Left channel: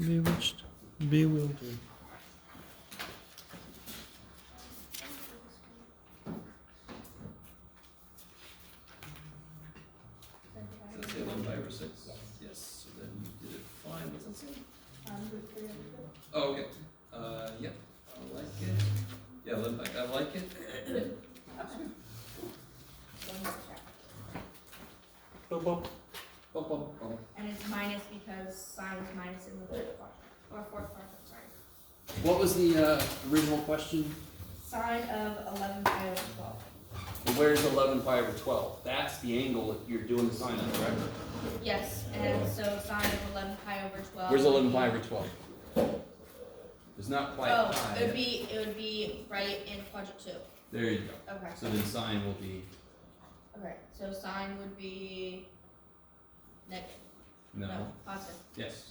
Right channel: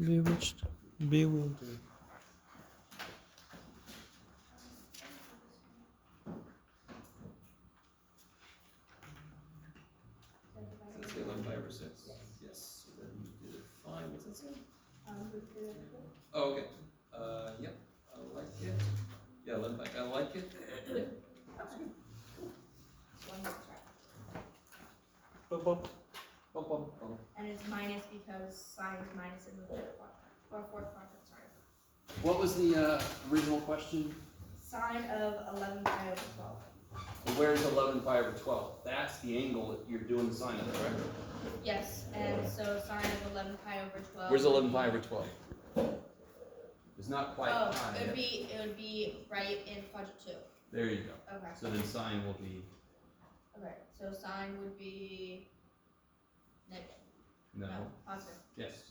Bewitched. Bewildered. Does it say 11 5 or 6? Yes, so then you did it fine. What's that say? Oh, okay. Yep, I like it. Yeah, 11 5, I like it. Yep. That's good. One more check. Bum, bum. Bum, bum, bum. And it's minus because sine's minus in the third quadrant, or fourth quadrant, sorry. What was the original question? Sine of 11 pi over 12. And where's 11 pi over 12? That's the angle that you're doing the sine of, right? Yes, and then so sine of 11 pi over 12. Where's would 11 be- pi over 12? It's not quite Oh, pi. it would be right in quadrant 2. There you go. Okay. So then sine will be Okay, so sine would be negative. no. Positive. Yes.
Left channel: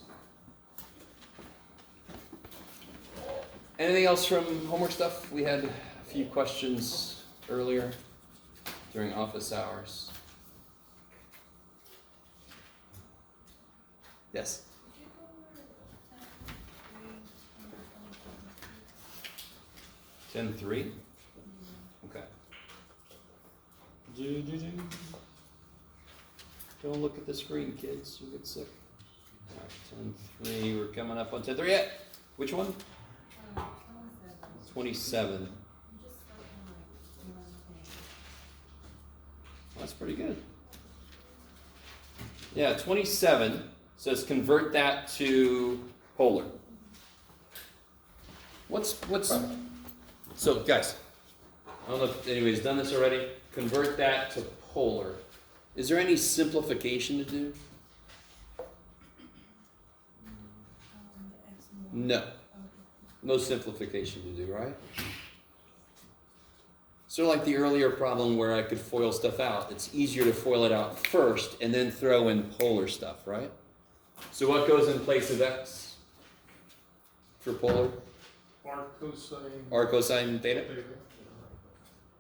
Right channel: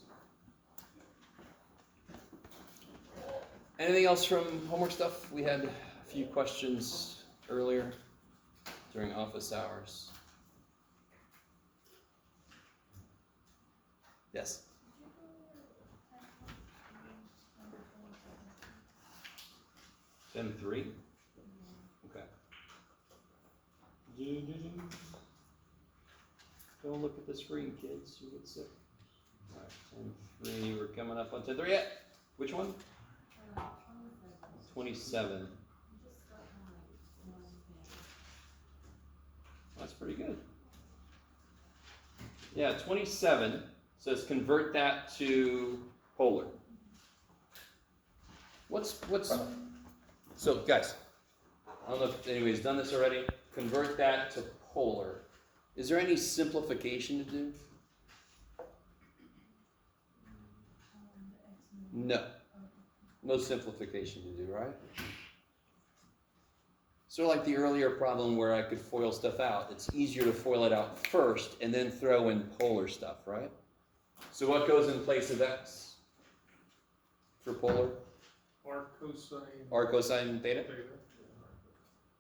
Anything else from homework stuff? We had a few questions earlier during office hours. Yes. 10-3? Okay. Don't look at the screen, kids. You'll get sick. Alright, 10-3. We're coming up on 10-3. Yeah. Which one? 27. That's pretty good. Yeah, 27 says convert that to polar. What's so guys, I don't know if anybody's done this already. Convert that to polar. Is there any simplification to do? No. No simplification to do, right? Sort of like the earlier problem where I could FOIL stuff out. It's easier to FOIL it out first and then throw in polar stuff, right? So what goes in place of x for polar? R cosine. R cosine theta? Theta.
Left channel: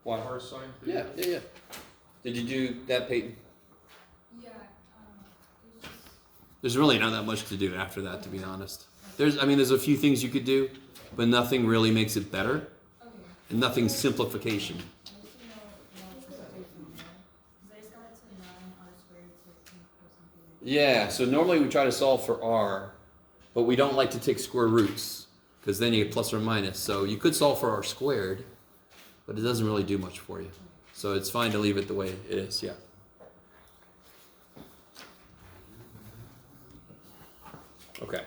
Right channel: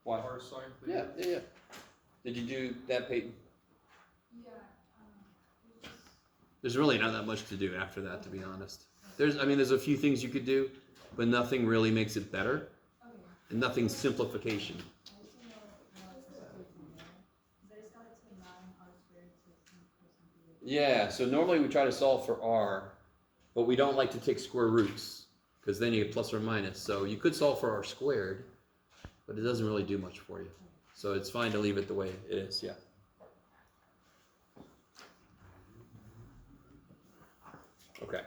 Why? R sine Yeah, theta. yeah, yeah. Did you do that, Peyton? Yeah, There's really not that much to do after that, to be honest. There's a few things you could do, but nothing really makes it better, okay. and nothing simplification. I also know what to do from there. Because I just got it to 9 r squared to 10 cosine theta. Yeah, so normally we try to solve for r, but we don't like to take square roots, because then you get plus or minus. So you could solve for r squared, but it doesn't really do much for you. So it's fine to leave it the way it is, yeah. Okay.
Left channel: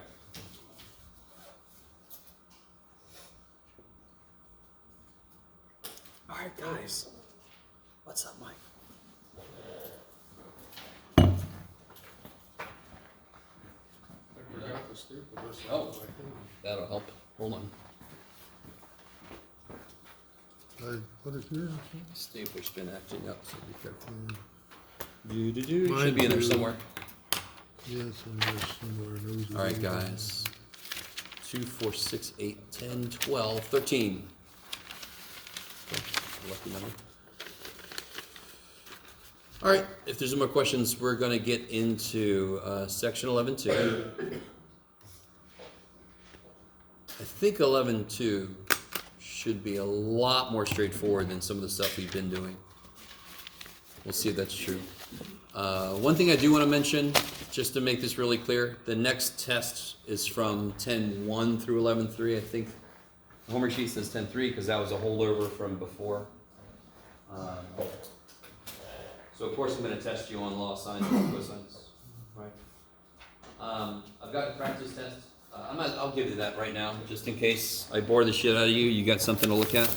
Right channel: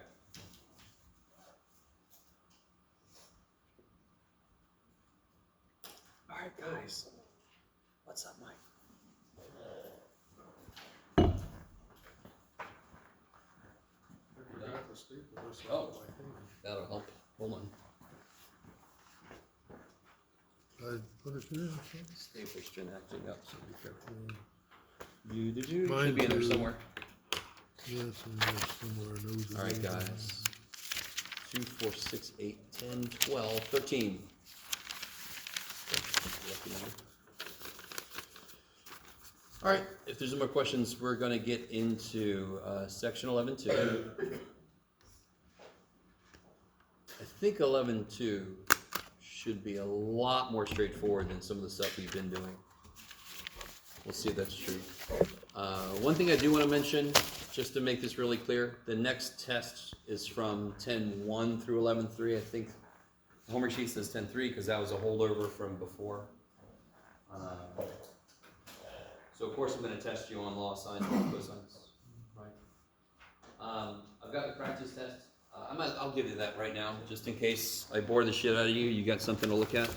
All right, guys. What's up, Mike? I forgot the staple. That's Oh. what I think. That'll help. Hold on. What is new? Stapler's gonna have to go, so be careful. Mine Should be in there too. somewhere. Yes, and there's somewhere. Those are All right, the- guys. 2, 4, 6, 8, 10, 12, 13. Okay, lucky number. All right, if there's no more questions, we're going to get into section 11.2. I think 11.2 should be a lot more straightforward than some of the stuff we've been doing. We'll see if that's true. One thing I do want to mention, just to make this really clear, the next test is from 10.1 through 11.3. I think the homework sheet says 10.3 because that was a holdover from before. So of course I'm going to test you on law sines and cosines. Right. I've got the practice test. I'll give you that right now, just in case I bore the shit out of you. You got something to look at.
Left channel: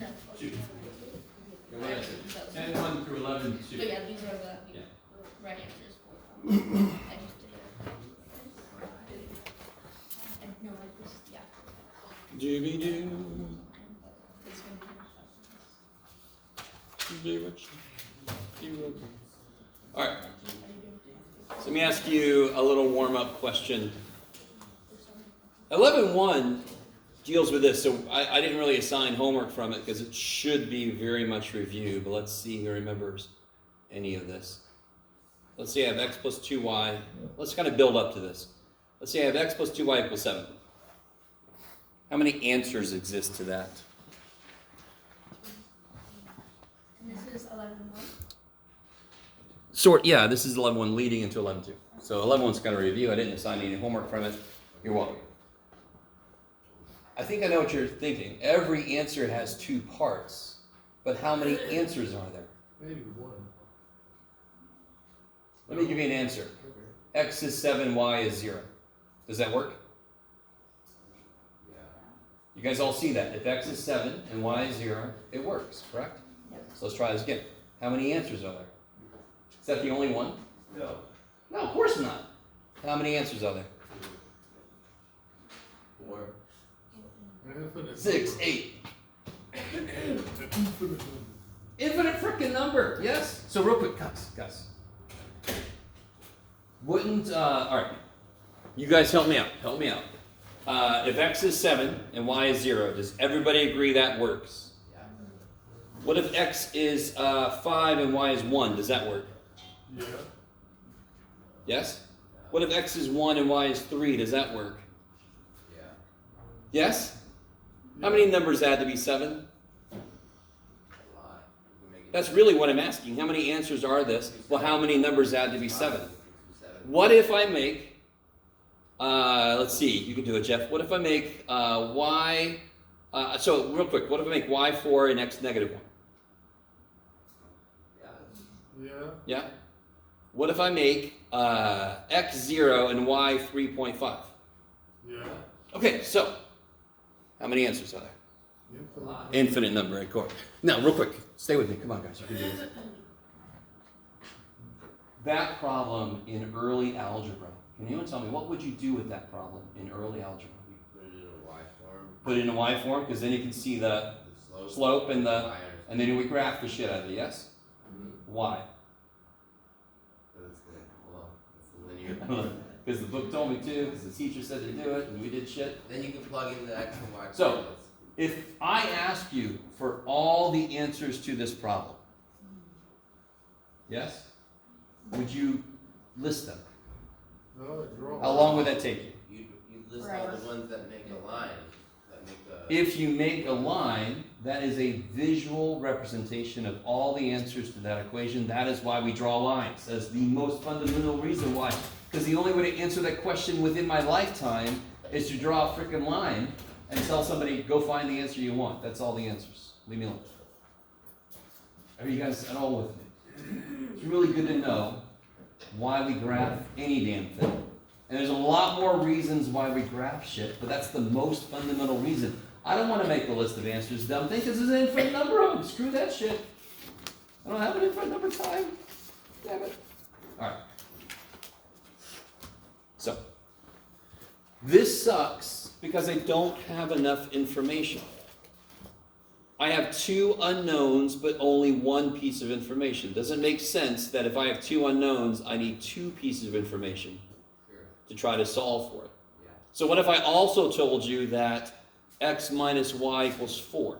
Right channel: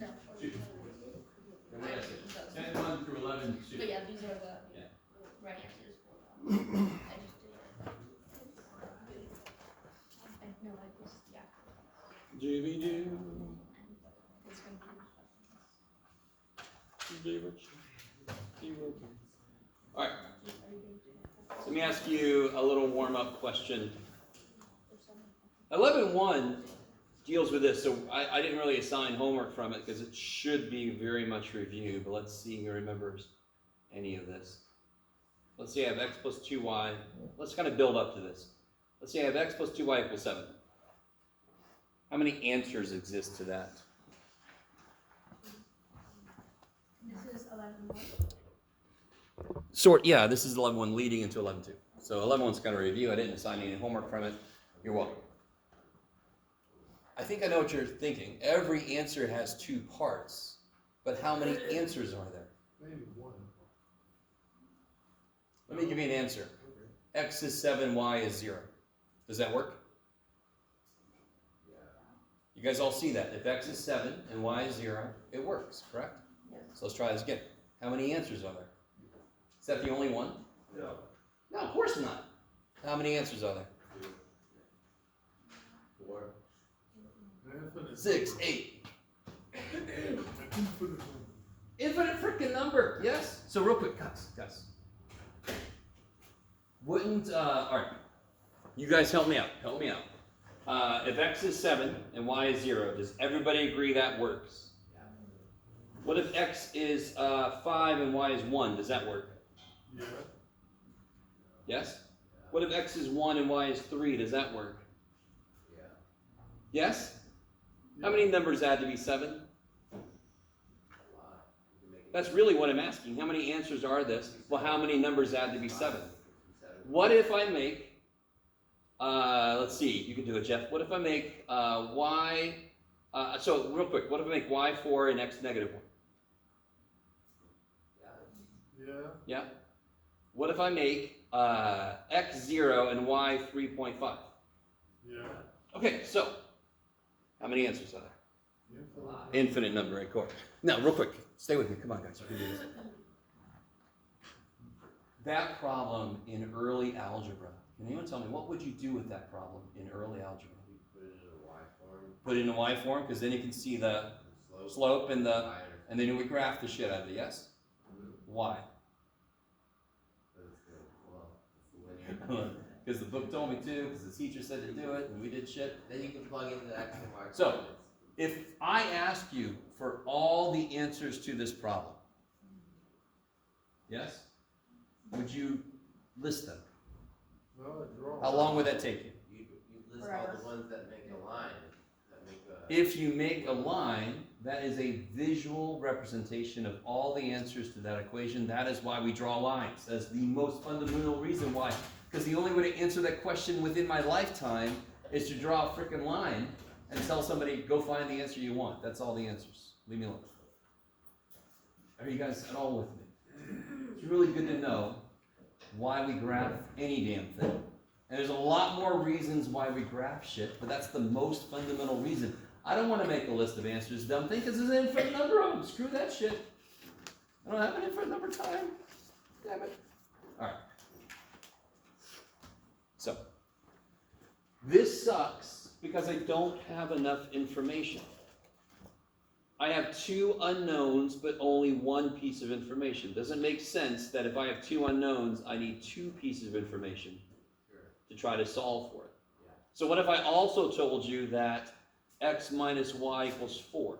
No. 10.1 through 11.2. But yeah, these are the Yeah. right answers for them. I just did it. And no, like Dooby-doo. All right. So let me ask you a little warm-up question. 11.1 deals with this, so I didn't really assign homework from it because it should be very much review, but let's see who remembers any of this. Let's say I have x plus 2y. Let's kind of build up to this. Let's say I have x plus 2y equals 7. How many answers exist to that? And this is 11.1. Yeah, this is 11.1 leading into 11.2. So 11.1's kind of a review. I didn't assign any homework from it. You're welcome. I think I know what you're thinking. Every answer has two parts, but how many answers are there? Maybe one. Let me give you an answer. X is 7, y is 0. Does that work? Yeah. You guys all see that. If x is 7 and y is 0, it works, correct? So let's try this again. How many answers are there? Is that the only one? No. No, of course not. How many answers are there? 4. Infinite 6, number. 8. Infinite number. Infinite freaking number. Yes. So real quick, Gus. Wouldn't all right? You guys help me out. Help me out. If x is 7 and y is 0, does everybody agree that works? Yeah. What if x is 5 and y is 1? Does that work? Yeah. Yes. What if x is 1 and y is 3? Does that work? Yeah. Yes. How many numbers add to be 7? A lot. You can make it That's really what I'm asking. How many answers are this? Well, how many numbers add to be 7? What if I make, let's see, you can do it, Jeff. What if I make y, so real quick, what if I make y4 and x negative 1? Yeah. Yeah. Yeah? What if I make x0 and y 3.5? Yeah. Okay, so, how many answers are there? A lot. Infinite number, of course. Now, real quick, stay with me. Come on, guys, you can do this. That problem in early algebra, can anyone tell me, what would you do with that problem in early algebra? You put it in a Y form. Put it in a y form, because then you can see the The slope and the, Y and then we graph the shit out of it, yes? Why? But it's good. Well, it's linear. Because the book told me to, because the teacher said to do it, and we did shit. Then you can plug in the X and Y So- coordinates. If I ask you for all the answers to this problem, yes? Would you list them? No, it draws. How long would that take you? You list all Forever. the ones that make a line, that make the. If you make a line, that is a visual representation of all the answers to that equation. That is why we draw lines. That's the most fundamental reason why. Because the only way to answer that question within my lifetime is to draw a freaking line and tell somebody, go find the answer you want. That's all the answers. Leave me alone. Are you guys at all with me? It's really good to know why we graph any damn thing. And there's a lot more reasons why we graph shit, but that's the most fundamental reason. I don't want to make a list of answers. Dumb thing, because there's an infinite number of them. Screw that shit. I don't have an infinite number of time. Damn it. Alright. So, this sucks because I don't have enough information. I have two unknowns, but only one piece of information. Does it make sense that if I have two unknowns, I need two pieces of information Sure. to try to solve for it? Yeah. So what if I also told you that x minus y equals 4?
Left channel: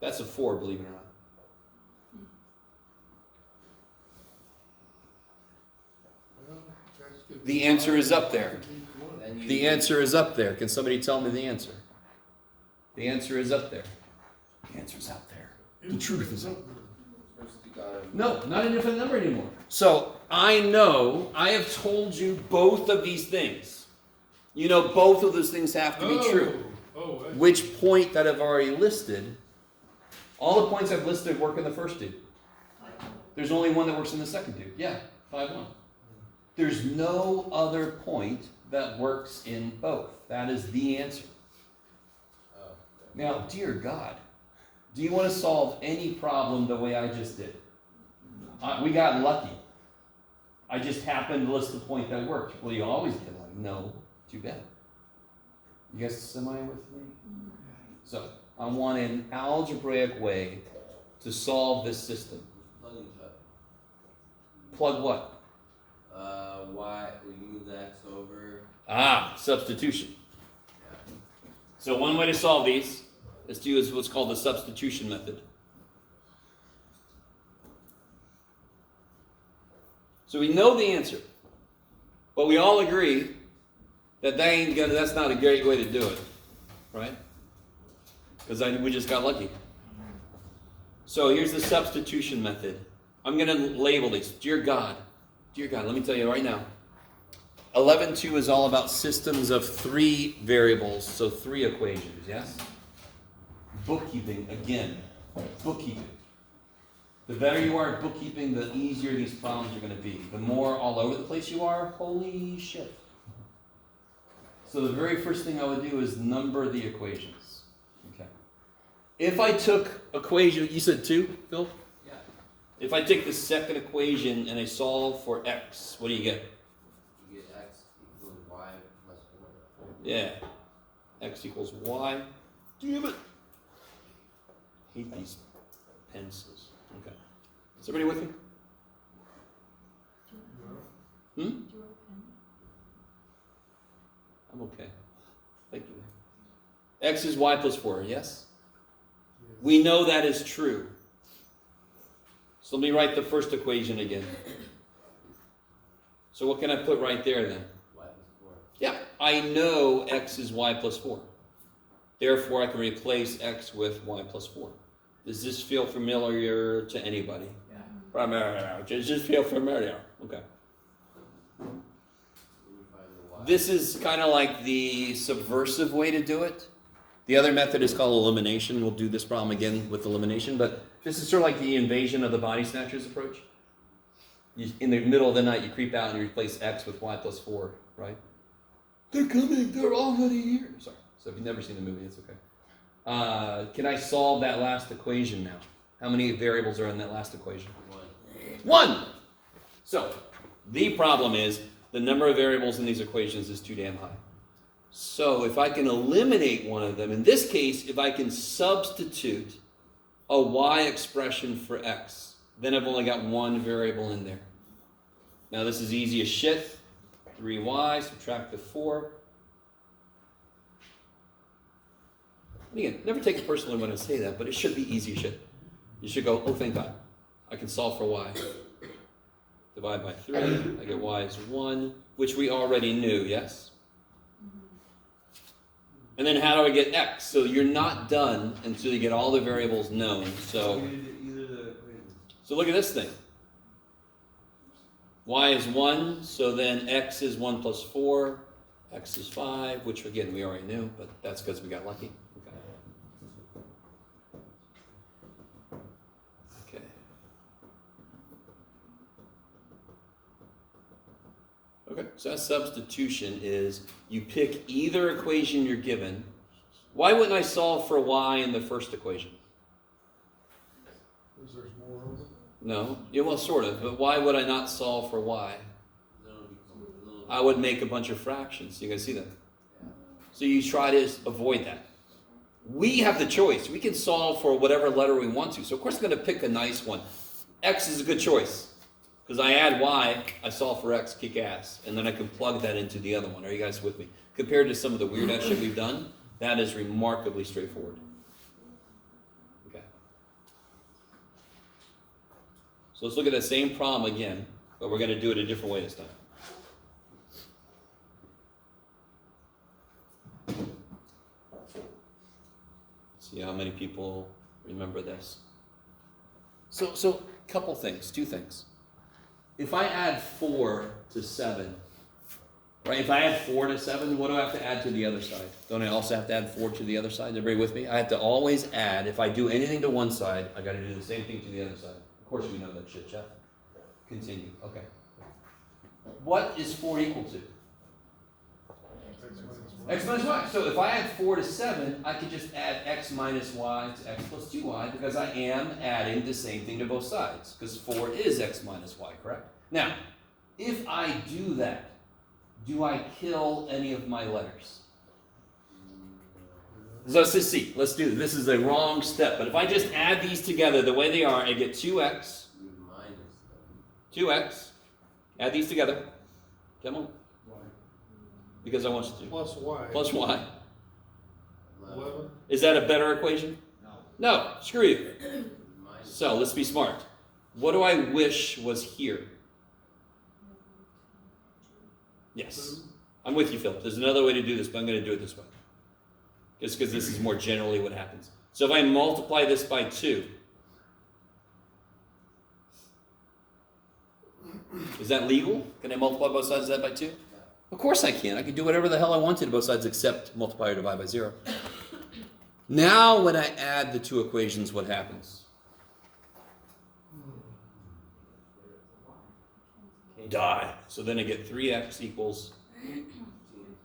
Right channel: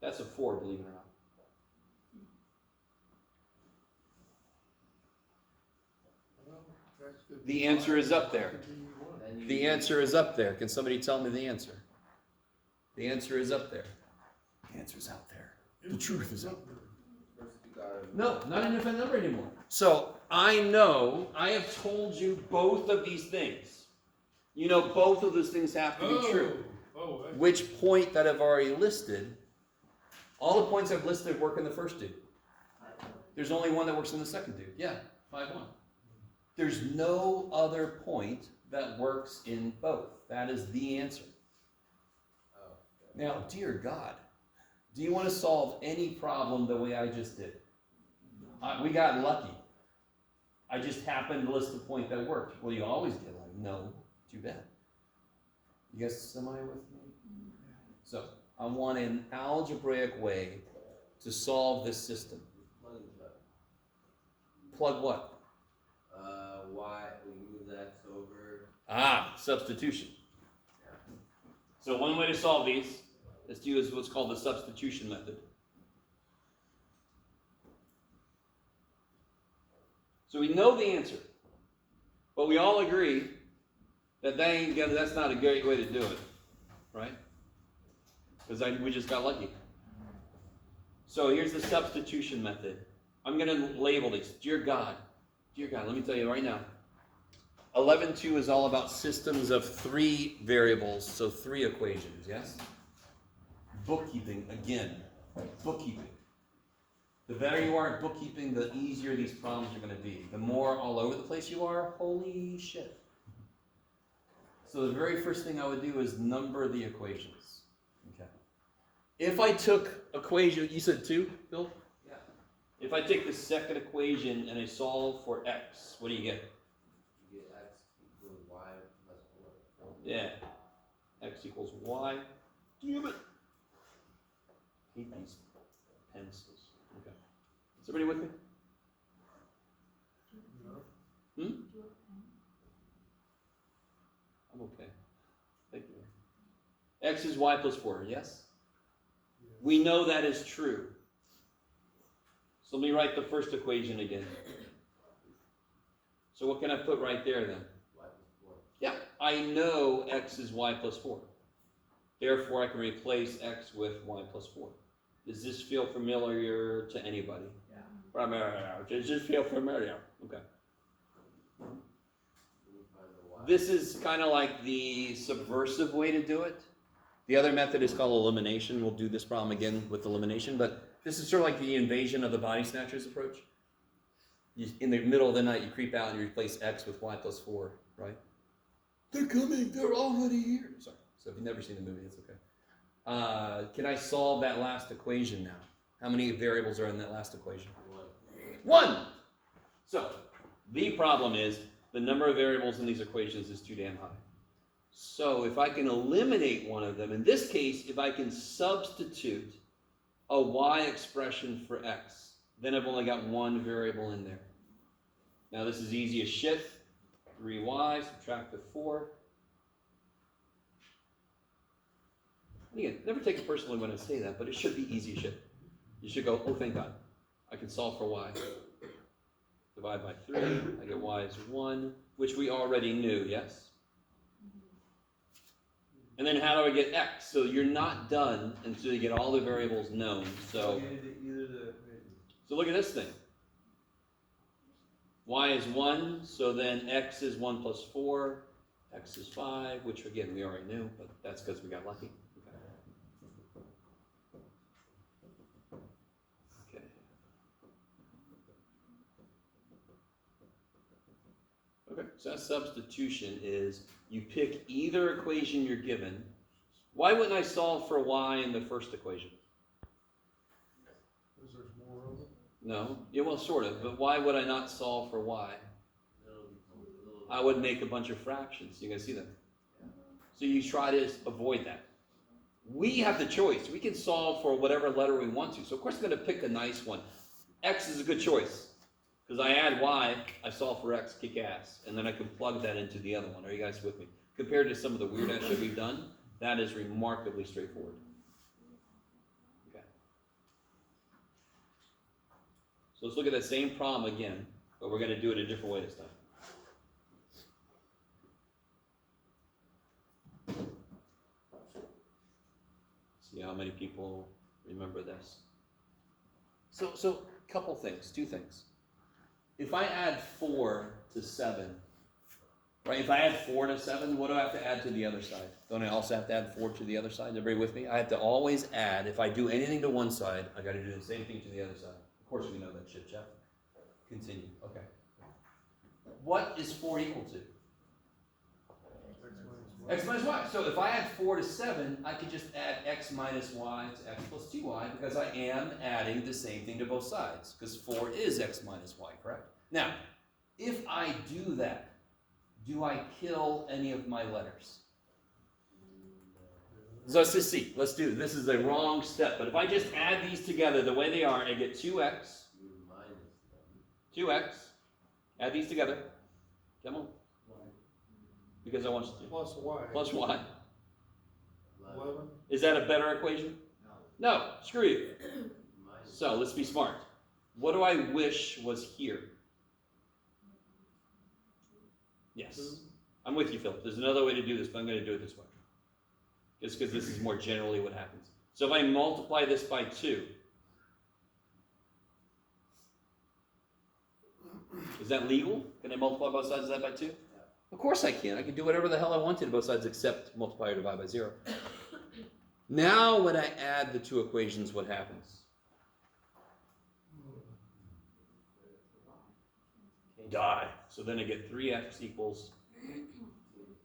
That's a 4, believe it or not. Well, that's good. The answer is up there. Then you. The answer is up there. Can somebody tell me the answer? The answer is up there. The answer's out there. The truth is out there. First you gotta. No, not an infinite number anymore. So I know I have told you both of these things. You know both of those things have to be true. Oh, that's Which point that I've already listed, all the points I've listed work in the first two. There's only one that works in the second two. Yeah, 5-1. There's no other point that works in both. That is the answer. Oh. Now, dear God, do you want to solve any problem the way I just did? We got lucky. I just happened to list the point that worked. Well, you always get lucky. No, too bad. You guys semi with me? So, I want an algebraic way to solve this system. Plugging shut. Plug what? Y, we move the X over. Ah, substitution. So one way to solve these is to use what's called the substitution method. So we know the answer, but we all agree that that's not a great way to do it, right? Because we just got lucky. So here's the substitution method. I'm going to label these. Dear God, let me tell you right now. 11.2 is all about systems of 3 variables, so 3 equations, yes? Bookkeeping, again, bookkeeping. The better you are at bookkeeping, the easier these problems are going to be. The more all over the place you are, holy shit. So the very first thing I would do is number the equations. Okay. If I took equation, you said 2, Phil? Yeah. If I take the second equation and I solve for x, what do you get? You get X equals Y plus 4. Yeah. X equals y. Damn it. Hate these pencils. Okay. Is everybody with me? Hmm? Do you have a pen? I'm okay. Thank you. X is y plus 4, yes? We know that is true. So let me write the first equation again. So what can I put right there then? Y plus 4. Yeah, I know x is y plus 4. Therefore, I can replace x with y plus 4. Does this feel familiar to anybody? Yeah. Familiar. Does this feel familiar? Okay. Then you find the Y. This is kind of like the subversive way to do it. The other method is called elimination. We'll do this problem again with elimination, but this is sort of like the invasion of the body snatchers approach. In the middle of the night, you creep out and you replace x with y plus 4, right? They're coming. They're already here. Sorry. So if you've never seen the movie, it's okay. Can I solve that last equation now? How many variables are in that last equation? 1. So the problem is the number of variables in these equations is too damn high. So if I can eliminate one of them, in this case, if I can substitute a y expression for x, then I've only got 1 variable in there. Now this is easy as shit. 3y, subtract the 4. Again, never take it personally when I say that, but it should be easy as shit. You should go, oh, thank God. I can solve for y. Divide by 3, I get y is 1, which we already knew, yes? And then how do I get x? So you're not done until you get all the variables known. So look at this thing. Y is 1, so then x is 1 plus 4, x is 5, which again we already knew, but that's because we got lucky. Okay. Okay, so that substitution is you pick either equation you're given. Why wouldn't I solve for y in the first equation? Because there's more of it. No, yeah, well, sort of, but why would I not solve for y? Then it'll become a little. I would make a bunch of fractions. You guys see that? So you try to avoid that. We have the choice. We can solve for whatever letter we want to. So of course I'm going to pick a nice one. X is a good choice. Because I add y, I solve for x, kick ass. And then I can plug that into the other one. Are you guys with me? Compared to some of the weird ass shit we've done, that is remarkably straightforward. Okay. So let's look at that same problem again, but we're going to do it a different way this time. See how many people remember this. So couple things, 2 things. If I add 4 to 7, right? If I add 4 to 7, what do I have to add to the other side? Don't I also have to add 4 to the other side? Everybody with me? I have to always add. If I do anything to one side, I got to do the same thing to the other side. Of course, we know that shit, Jeff. Continue. Okay. What is 4 equal to? X minus y. So if I add 4 to 7, I could just add x minus y to x plus 2y because I am adding the same thing to both sides. Because 4 is x minus y, correct? Now, if I do that, do I kill any of my letters? So let's just see. Let's do this. This is the wrong step. But if I just add these together the way they are, I get 2x, Minus 2x. Add these together. Come on. Because I want you to. Plus Y. Plus y. 11. Is that a better equation? No. Screw you. minus So let's be smart. What do I wish was here? Yes. I'm with you, Philip. There's another way to do this, but I'm going to do it this way. Just because this is more generally what happens. So if I multiply this by 2, is that legal? Can I multiply both sides of that by 2? Of course I can. I can do whatever the hell I wanted to both sides except multiply or divide by 0. Now when I add the two equations, what happens? Die. So then I get 3x equals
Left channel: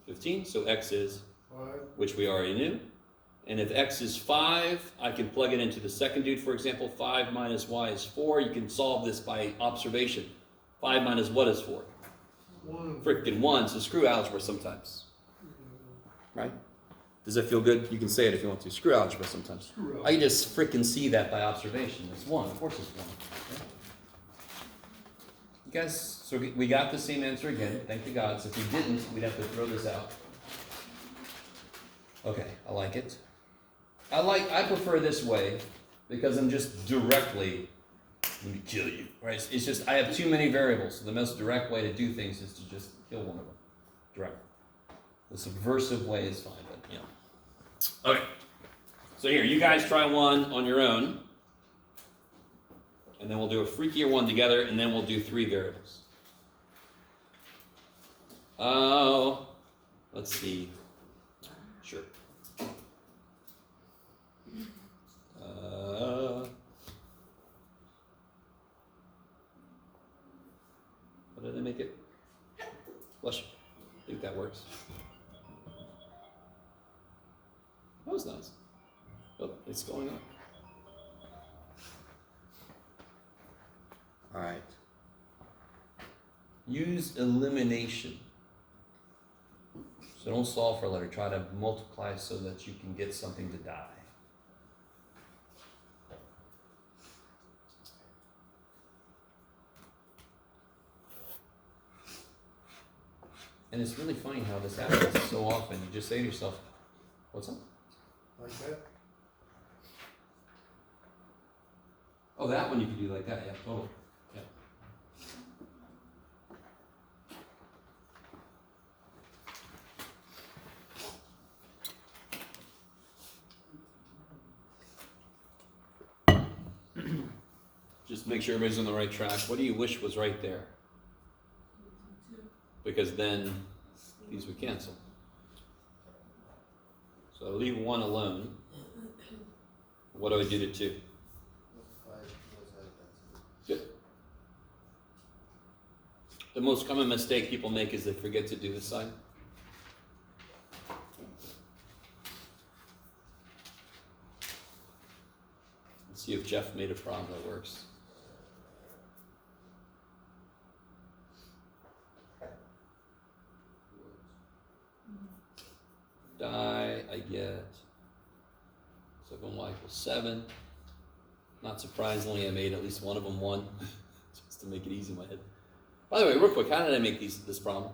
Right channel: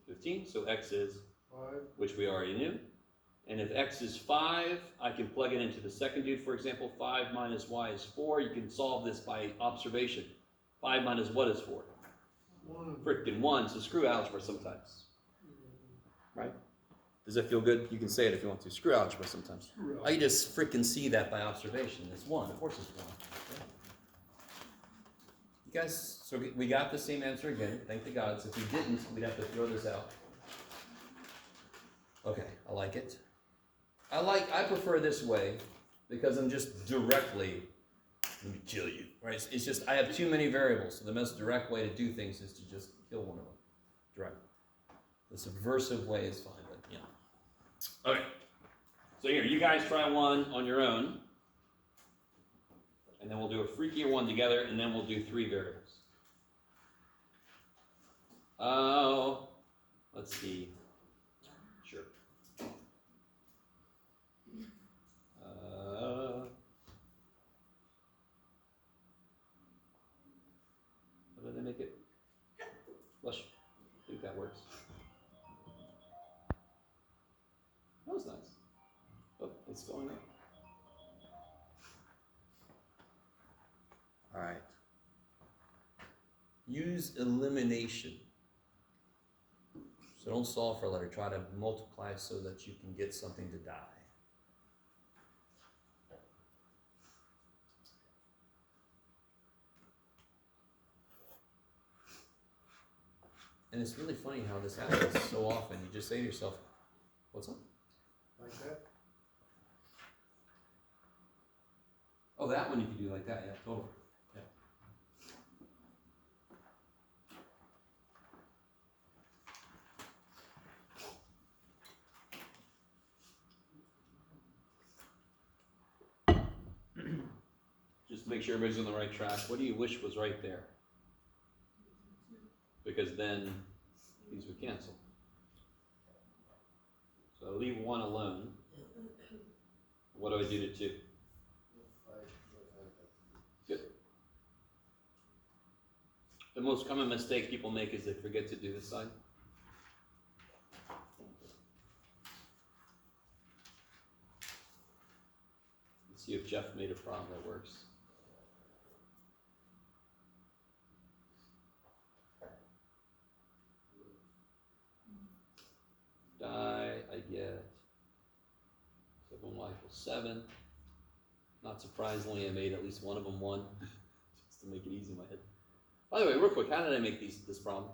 15. So x is, 5. which we already knew. And if x is 5, I can plug it into the second dude. For example, 5 minus y is 4. You can solve this by observation. 5 minus what is 4? 1. Frickin' 1. So screw algebra sometimes. Right? Does that feel good? You can say it if you want to. Screw algebra sometimes. I can just frickin' see that by observation. It's 1. Of course it's 1. You guys, so we got the same answer again. Thank the gods. If we didn't, we'd have to throw this out. Okay, I like it. I prefer this way because I'm just directly, let me kill you, right? It's just, I have too many variables, so the most direct way to do things is to just kill one of them, directly. The subversive way is fine, but yeah. Okay, so here, you guys try one on your own, and then we'll do a freakier one together, and then we'll do 3 variables. Oh, let's see. Sure. How did they make it? Bless you. I think that works. That was nice. Oh, it's going up. All right. Use elimination. So don't solve for a letter. Try to multiply so that you can get something to die. And it's really funny how this happens so often. You just say to yourself, what's up? Like that? Oh, that one you can do like that, yeah, totally. Yeah. Just make sure everybody's on the right track. What do you wish was right there? Because then these would cancel. So leave 1 alone. What do I do to 2? 5 Good. The most common mistake people make is they forget to do this side. Let's see if Jeff made a problem that works. Die, I get 7y equals 7. Not surprisingly, I made at least one of them 1, just to make it easy in my head. By the way, real quick, how did I make this problem?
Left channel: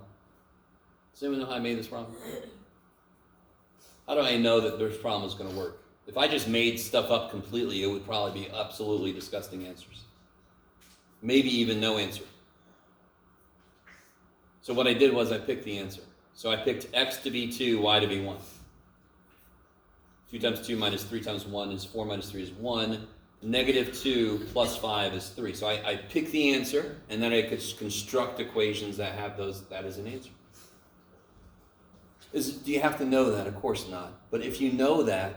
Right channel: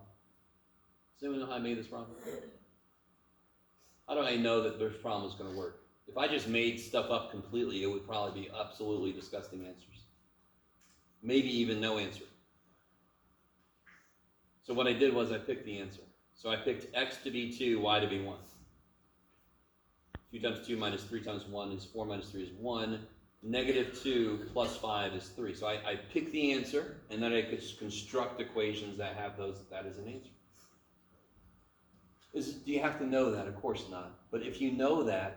Does anyone know how I made this problem? How do I know that this problem is going to work? If I just made stuff up completely, it would probably be absolutely disgusting answers. Maybe even no answer. So what I did was I picked the answer. So I picked x to be 2, y to be 1. 2 times 2 minus 3 times 1 is 4 minus 3 is 1. Negative 2 plus 5 is 3. So I pick the answer, and then I could construct equations that have that as an answer. Do you have to know that? Of course not. But if you know that,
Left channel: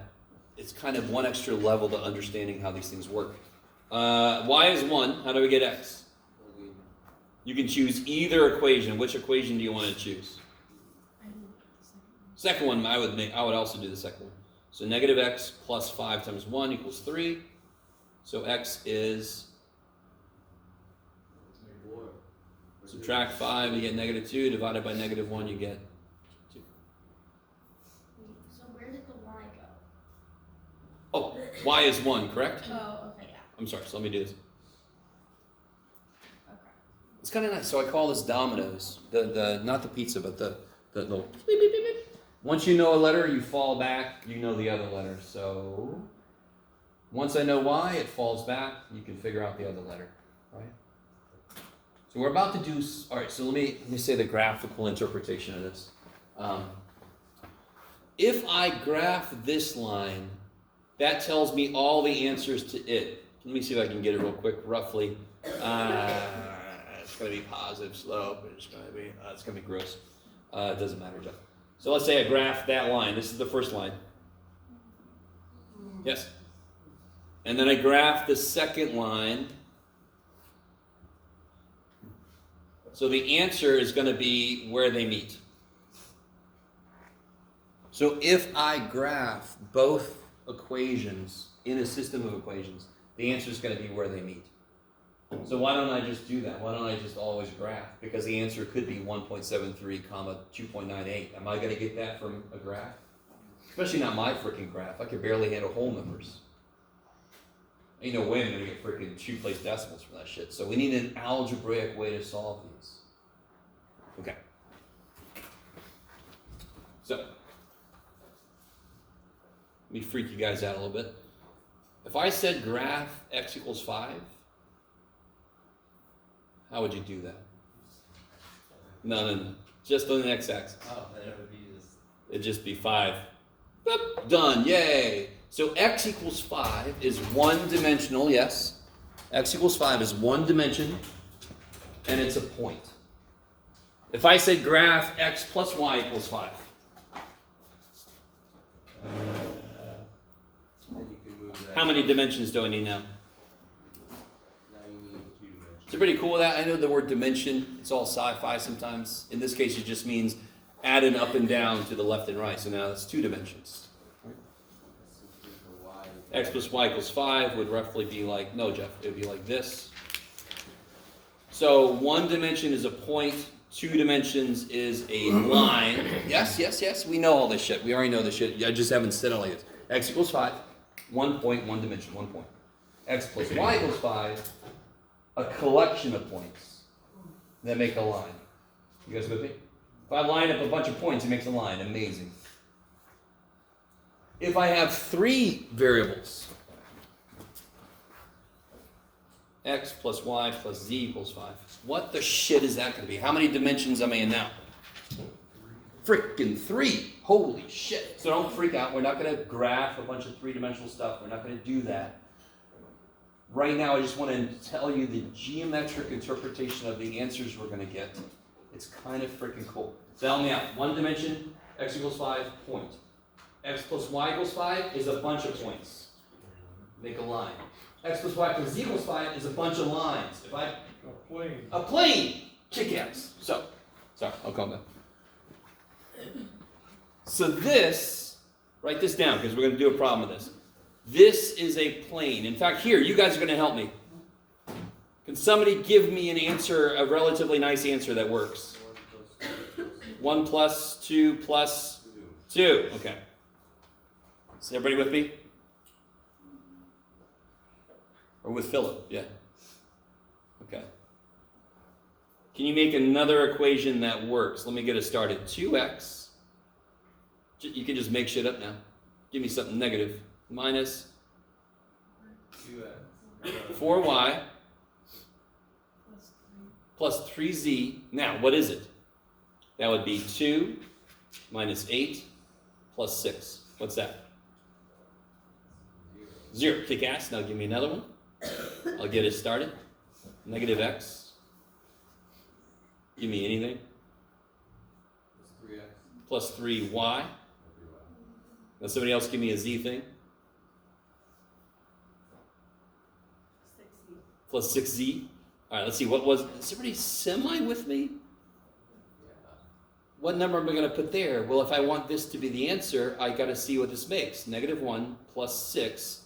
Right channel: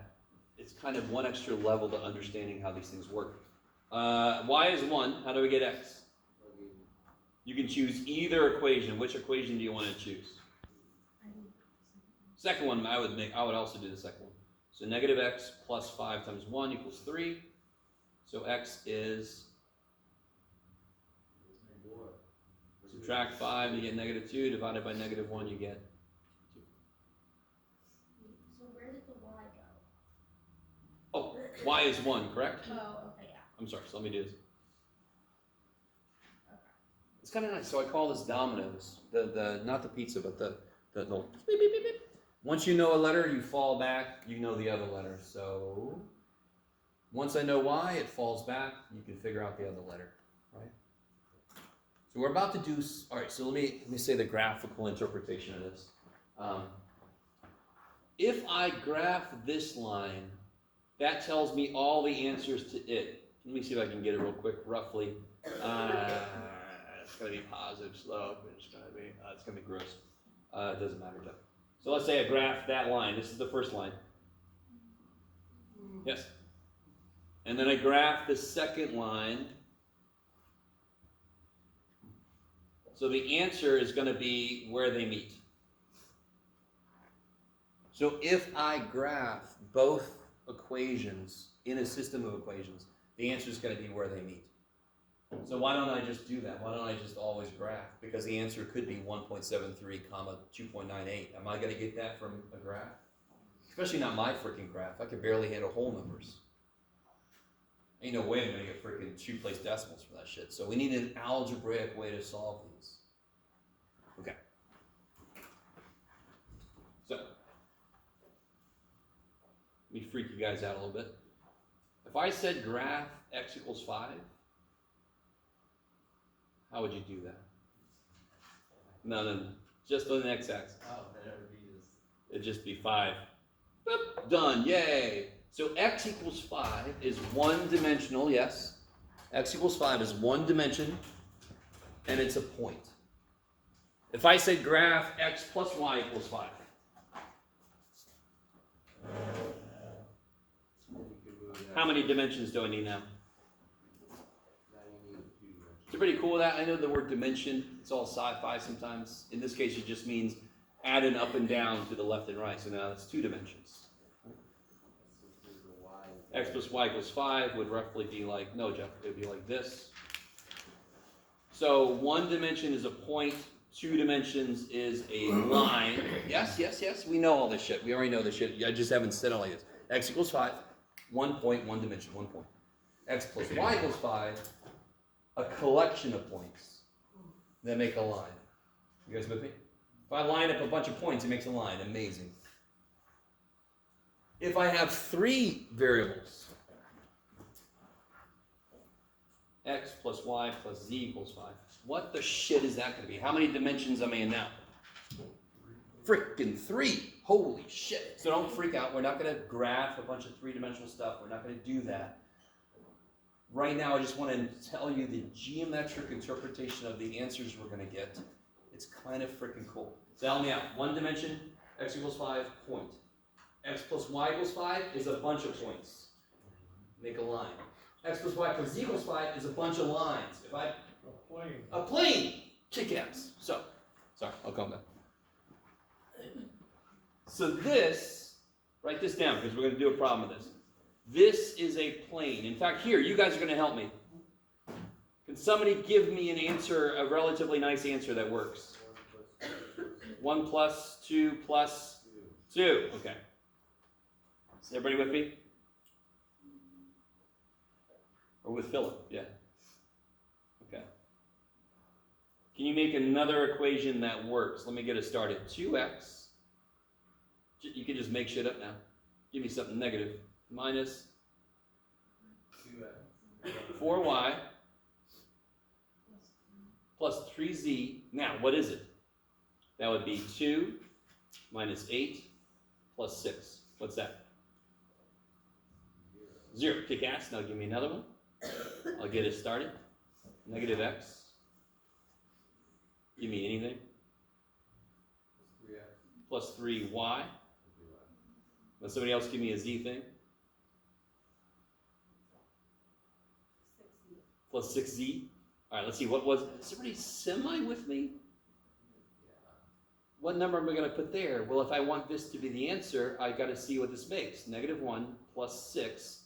it's kind of one extra level to understanding how these things work. Y is 1. How do we get x? You can choose either equation. Which equation do you want to choose? Second one, I would also do the second one. So negative x plus 5 times 1 equals 3. So x is, subtract 5, you get negative 2, divided by negative 1, you get 2. So where did the y go? Oh, y is 1, correct? Oh, okay, yeah. I'm sorry, so let me do this. Okay. It's kind of nice. So I call this Domino's. The not the pizza, but the little beep, beep, beep, beep. Once you know a letter, you fall back, you know the other letter. So once I know y, it falls back, you can figure out the other letter, right? So we're about to do, all right, so let me say the graphical interpretation of this. If I graph this line, that tells me all the answers to it. Let me see if I can get it real quick, roughly. It's going to be positive slope. It's going to be gross. It doesn't matter, Jeff. So let's say I graph that line. This is the first line. Yes. And then I graph the second line. So the answer is going to be where they meet. So if I graph both equations in a system of equations, the answer is going to be where they meet. So why don't I just do that? Why don't I just always graph? Because the answer could be 1.73 comma 2.98. Am I going to get that from a graph? Especially not my freaking graph. I can barely handle whole numbers. Ain't no way I'm going to get freaking 2-place decimals for that shit. So we need an algebraic way to solve these. Okay. So, let me freak you guys out a little bit. If I said graph x equals 5, how would you do that? No. Just on the x-axis. Oh, then it would be just. It'd just be 5. Boop, done, yay. So x equals 5 is one-dimensional, yes. X equals 5 is one dimension, and it's a point. If I said graph x plus y equals 5. Then you can move that. How many dimensions do I need now? Now you need 2 dimensions. So pretty cool with that. I know the word dimension, it's all sci-fi sometimes. In this case, it just means add an up and down to the left and right. So now that's 2 dimensions. X plus y equals 5 would roughly be like, no, Jeff, it would be like this. So one dimension is a point, 2 dimensions is a line. Yes, we know all this shit. We already know this shit. I just haven't said it like this. X equals 5, 1 point, 1 dimension, 1 point. X plus y equals 5, a collection of points that make a line. You guys with me? If I line up a bunch of points, it makes a line. Amazing. If I have 3 variables, x plus y plus z equals 5, what the shit is that going to be? How many dimensions am I in now? Frickin' 3. Holy shit. So don't freak out. We're not going to graph a bunch of 3-dimensional stuff. We're not going to do that. Right now, I just want to tell you the geometric interpretation of the answers we're going to get. It's kind of freaking cool. So help me out. 1 dimension, x equals 5, point. X plus y equals 5 is a bunch of points. Make a line. X plus y plus z equals 5 is a bunch of lines. If I A plane. a plane, kick ass. So, sorry, I'll come back. So this, write this down because we're going to do a problem with this. This is a plane. In fact, here, you guys are going to help me. Can somebody give me an answer, a relatively nice answer that works? 1 plus 2 plus 2. Okay. Is everybody with me? Or with Philip? Yeah. Okay. Can you make another equation that works? Let me get us started. 2x. You can just make shit up now. Give me something negative. Minus 2x. 4y plus 3z. Now, what is it? That would be 2 minus 8 plus 6. What's that? 0. Kick ass. Now give me another one. I'll get it started. Negative x. Give me anything. Plus 3x. Plus 3y. Now somebody else give me a z thing. 6Z. Plus 6z. All right, let's see. What was... Is everybody semi with me? What number am I going to put there? Well, if I want this to be the answer, I got to see what this makes. Negative 1 plus 6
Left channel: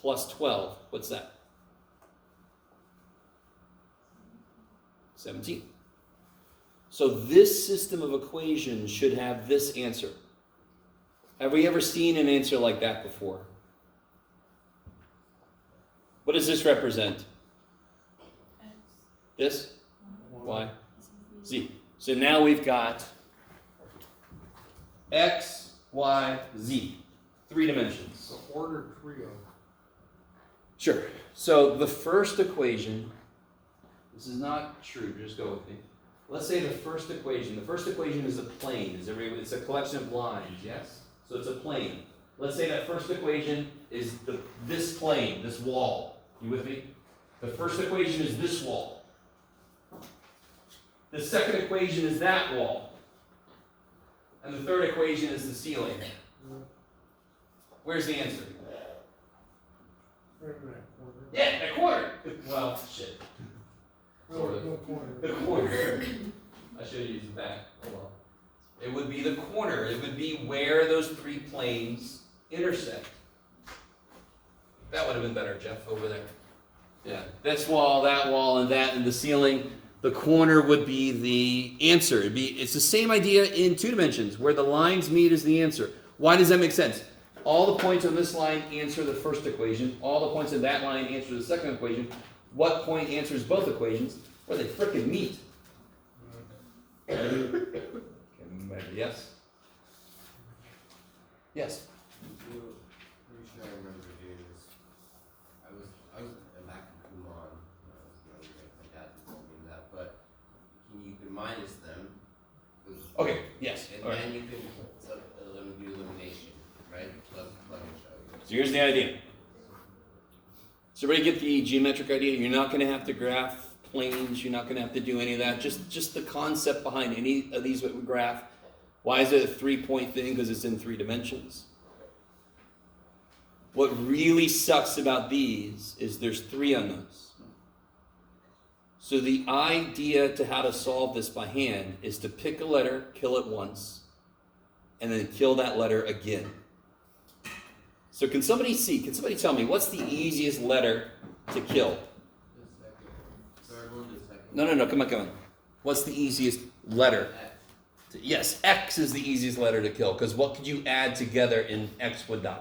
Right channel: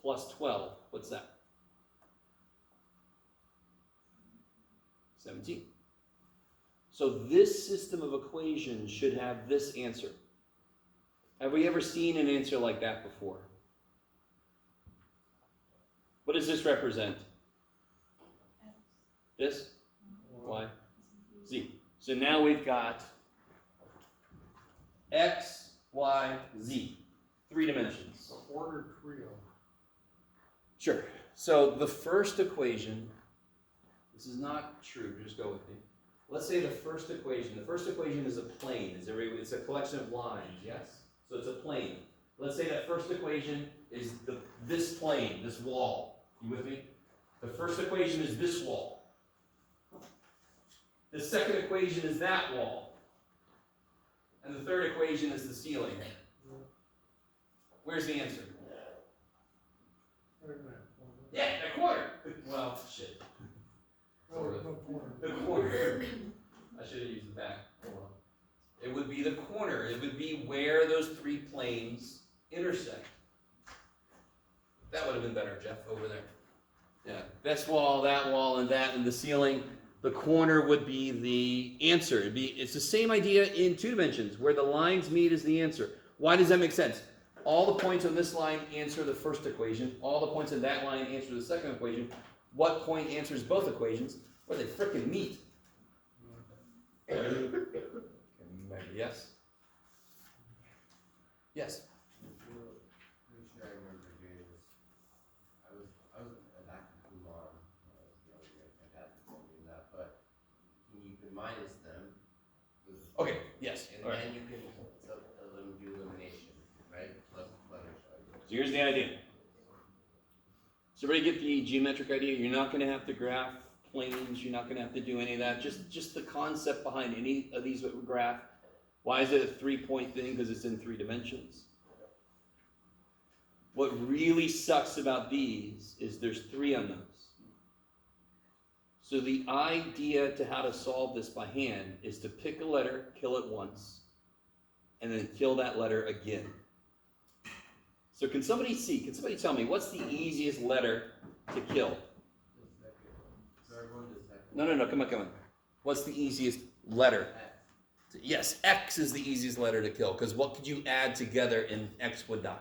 plus 12. What's that? 17. So this system of equations should have this answer. Have we ever seen an answer like that before? What does this represent? X. This? One. Y? Z. So now we've got X, Y, Z. 3 dimensions. The ordered trio. Sure. So the first equation, this is not true, just go with me. Let's say the first equation is a plane. It's a collection of lines, yes? So it's a plane. Let's say that first equation is this plane, this wall. You with me? The first equation is this wall. The second equation is that wall. And the third equation is the ceiling. Where's the answer? Right in that corner. Yeah, that corner. Well, shit. No, no corner. The corner. I should have used the back. Hold on. It would be the corner. It would be where those 3 planes intersect. That would have been better, Jeff, over there. Yeah. This wall, and that, and the ceiling. The corner would be the answer. It's the same idea in 2 dimensions. Where the lines meet is the answer. Why does that make sense? All the points on this line answer the first equation. All the points on that line answer the second equation. What point answers both equations? Where they frickin' meet. Yes? Yes? Pretty sure I remember doing this. I was back in Kumon when I was younger. My dad told me that, but you can minus them. Okay, yes. And All right. then you can do elimination, right? Plus each other. So here's the idea. So everybody get the geometric idea? You're not going to have to graph planes. You're not going to have to do any of that. Just the concept behind any of these that we graph. Why is it a 3-point thing? Because it's in 3 dimensions. What really sucks about these is there's 3 unknowns. So the idea to how to solve this by hand is to pick a letter, kill it once, and then kill that letter again. So can somebody tell me, what's the easiest letter to kill? The second. Third one, the second. No, come on. What's the easiest letter? X. Yes, X is the easiest letter to kill, because what could you add together and X would die?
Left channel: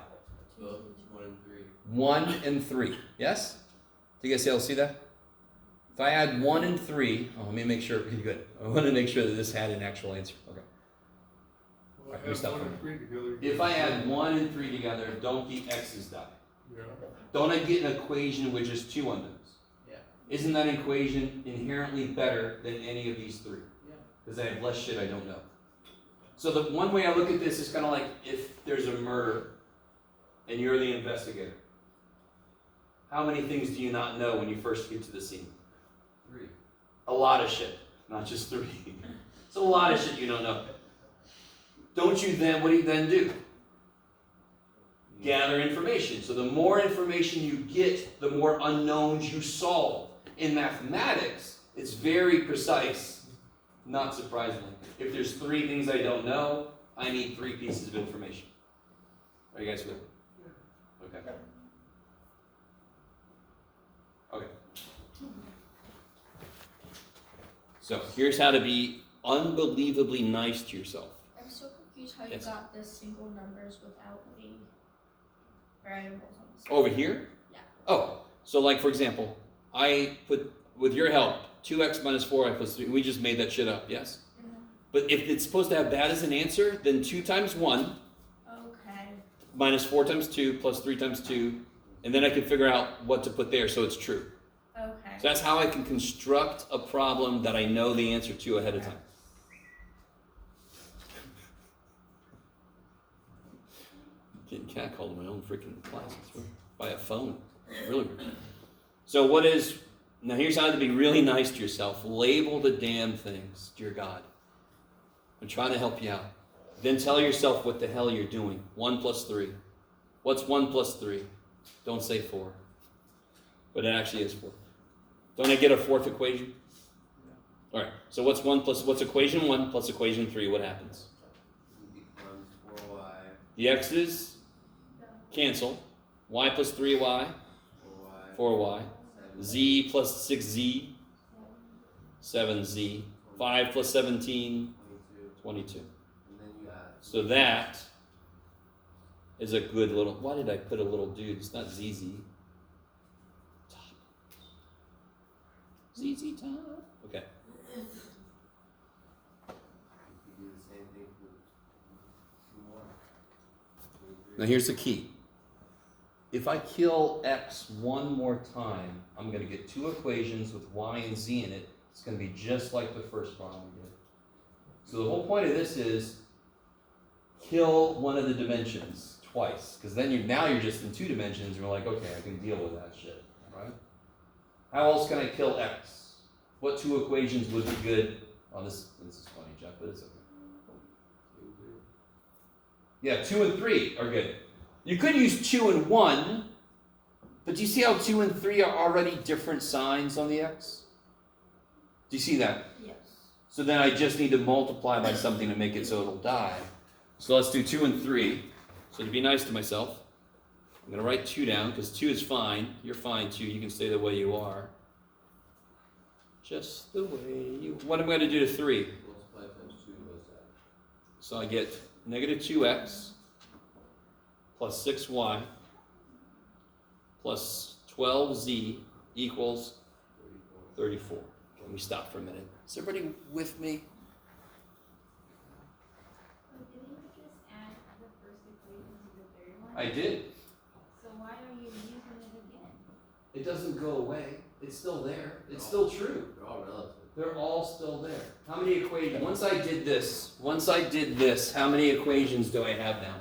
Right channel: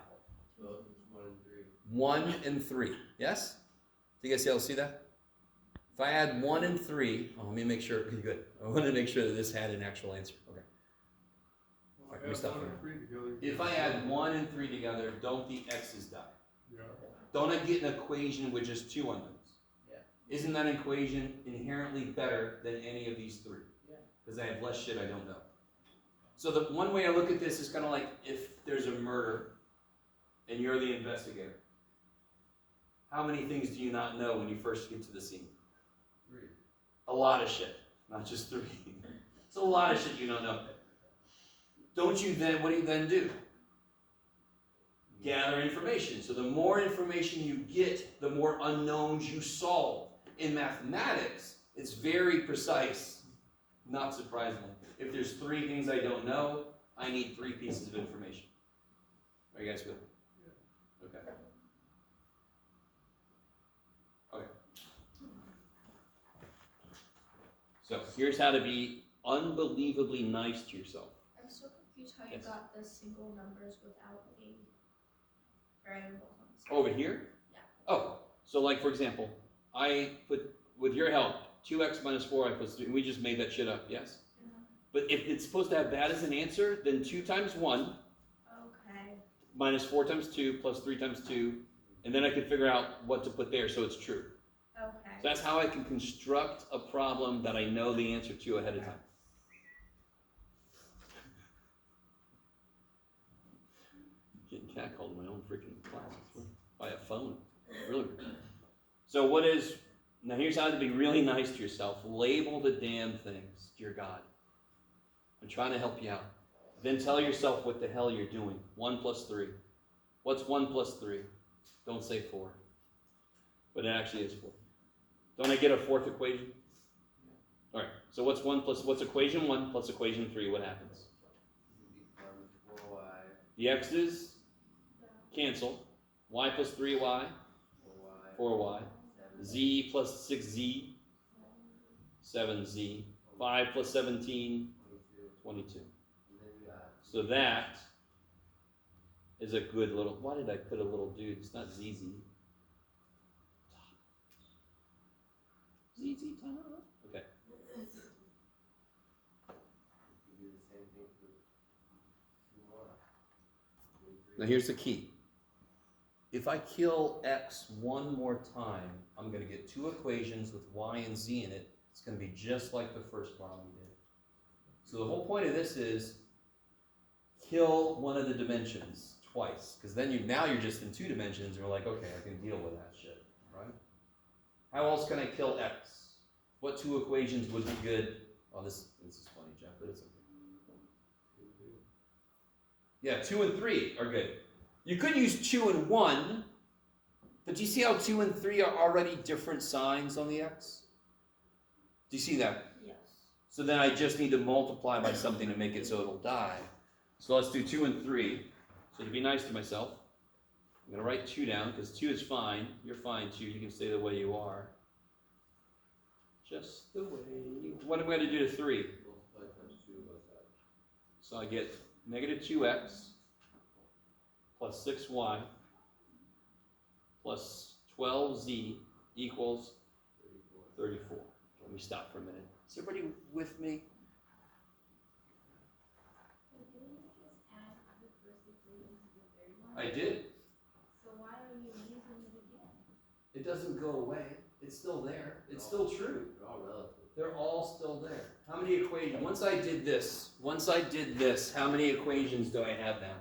12, 1 and 3. 1 and 3, yes? Do you guys able to see that? If I add 1 and 3, let me make sure, good. I want to make sure that this had an actual answer. Okay. Well, Alright, we add stop 1 there. and 3 together. If I add 1 and 3 together, don't the X's die? Yeah. Don't I get an equation with just 2 unknowns? Yeah. Isn't that equation inherently better than any of these 3? Yeah. Because I have less shit I don't know. So the one way I look at this is kind of like if there's a murder and you're the investigator. How many things do you not know when you first get to the scene? 3. A lot of shit, not just 3. It's a lot of shit you don't know. What do you then do? Gather information. So the more information you get, the more unknowns you solve. In mathematics, it's very precise, not surprisingly. If there's 3 things I don't know, I need 3 pieces of information. Are you guys with me? Okay. Okay. So here's how to be unbelievably nice to yourself. I'm so confused how you Yes. got the single numbers without the variables on the screen. Over here? Yeah. Oh, so like for example, I put, with your help, 2x minus 4y plus 3, we just made that shit up, yes? Mhm. But if it's supposed to have that as an answer, then 2 times 1 Okay. minus 4 times 2 plus 3 times 2, and then I can figure out what to put there so it's true. Okay. So that's how I can construct a problem that I know the answer to ahead of time. Getting catcalled in my own freaking classes by a phone. Really weird. So now here's how to be really nice to yourself. Label the damn things, dear God. I'm trying to help you out. Then tell yourself what the hell you're doing. 1 plus 3. What's 1 plus 3? Don't say 4. But it actually is 4. Don't I get a 4th equation? All right. So what's equation 1 plus equation 3? What happens? Becomes 4y. The x's cancel. Y plus 3y, 4y. 4y. 7. Z plus 6z, 7z. 5 plus 17, 22. 22. And then you add. So that is a good little. Why did I put a little dude? It's not ZZ. ZZ time. Okay. You could do the same thing for 2 more. 2 and 3. Now here's the key. If I kill x one more time, I'm going to get 2 equations with y and z in it. It's going to be just like the first problem we did. So the whole point of this is kill one of the dimensions twice, because then now you're just in 2 dimensions, and you're like, okay, I can deal with that shit, right? How else can I kill x? What 2 equations would be good? Oh, this is funny, Jeff, but it's okay. Yeah, 2 and 3 are good. You could use 2 and 1, but do you see how 2 and 3 are already different signs on the x? Do you see that? Yes. So then I just need to multiply by something to make it so it'll die. So let's do 2 and 3. So to be nice to myself, I'm going to write 2 down, because 2 is fine. You're fine too. You can stay the way you are. Just the way you... What am I going to do to 3? Multiply times 2, what's that? So I get negative 2x plus 6y plus 12z equals 34. Let me stop for a minute. Is everybody with me? But didn't you just add the first equation to the third one? I did. So why are you using it again? It doesn't go away. It's still there. It's still true. They're all relative. They're all still there. How many equations? Once I did this, how many equations do I have now?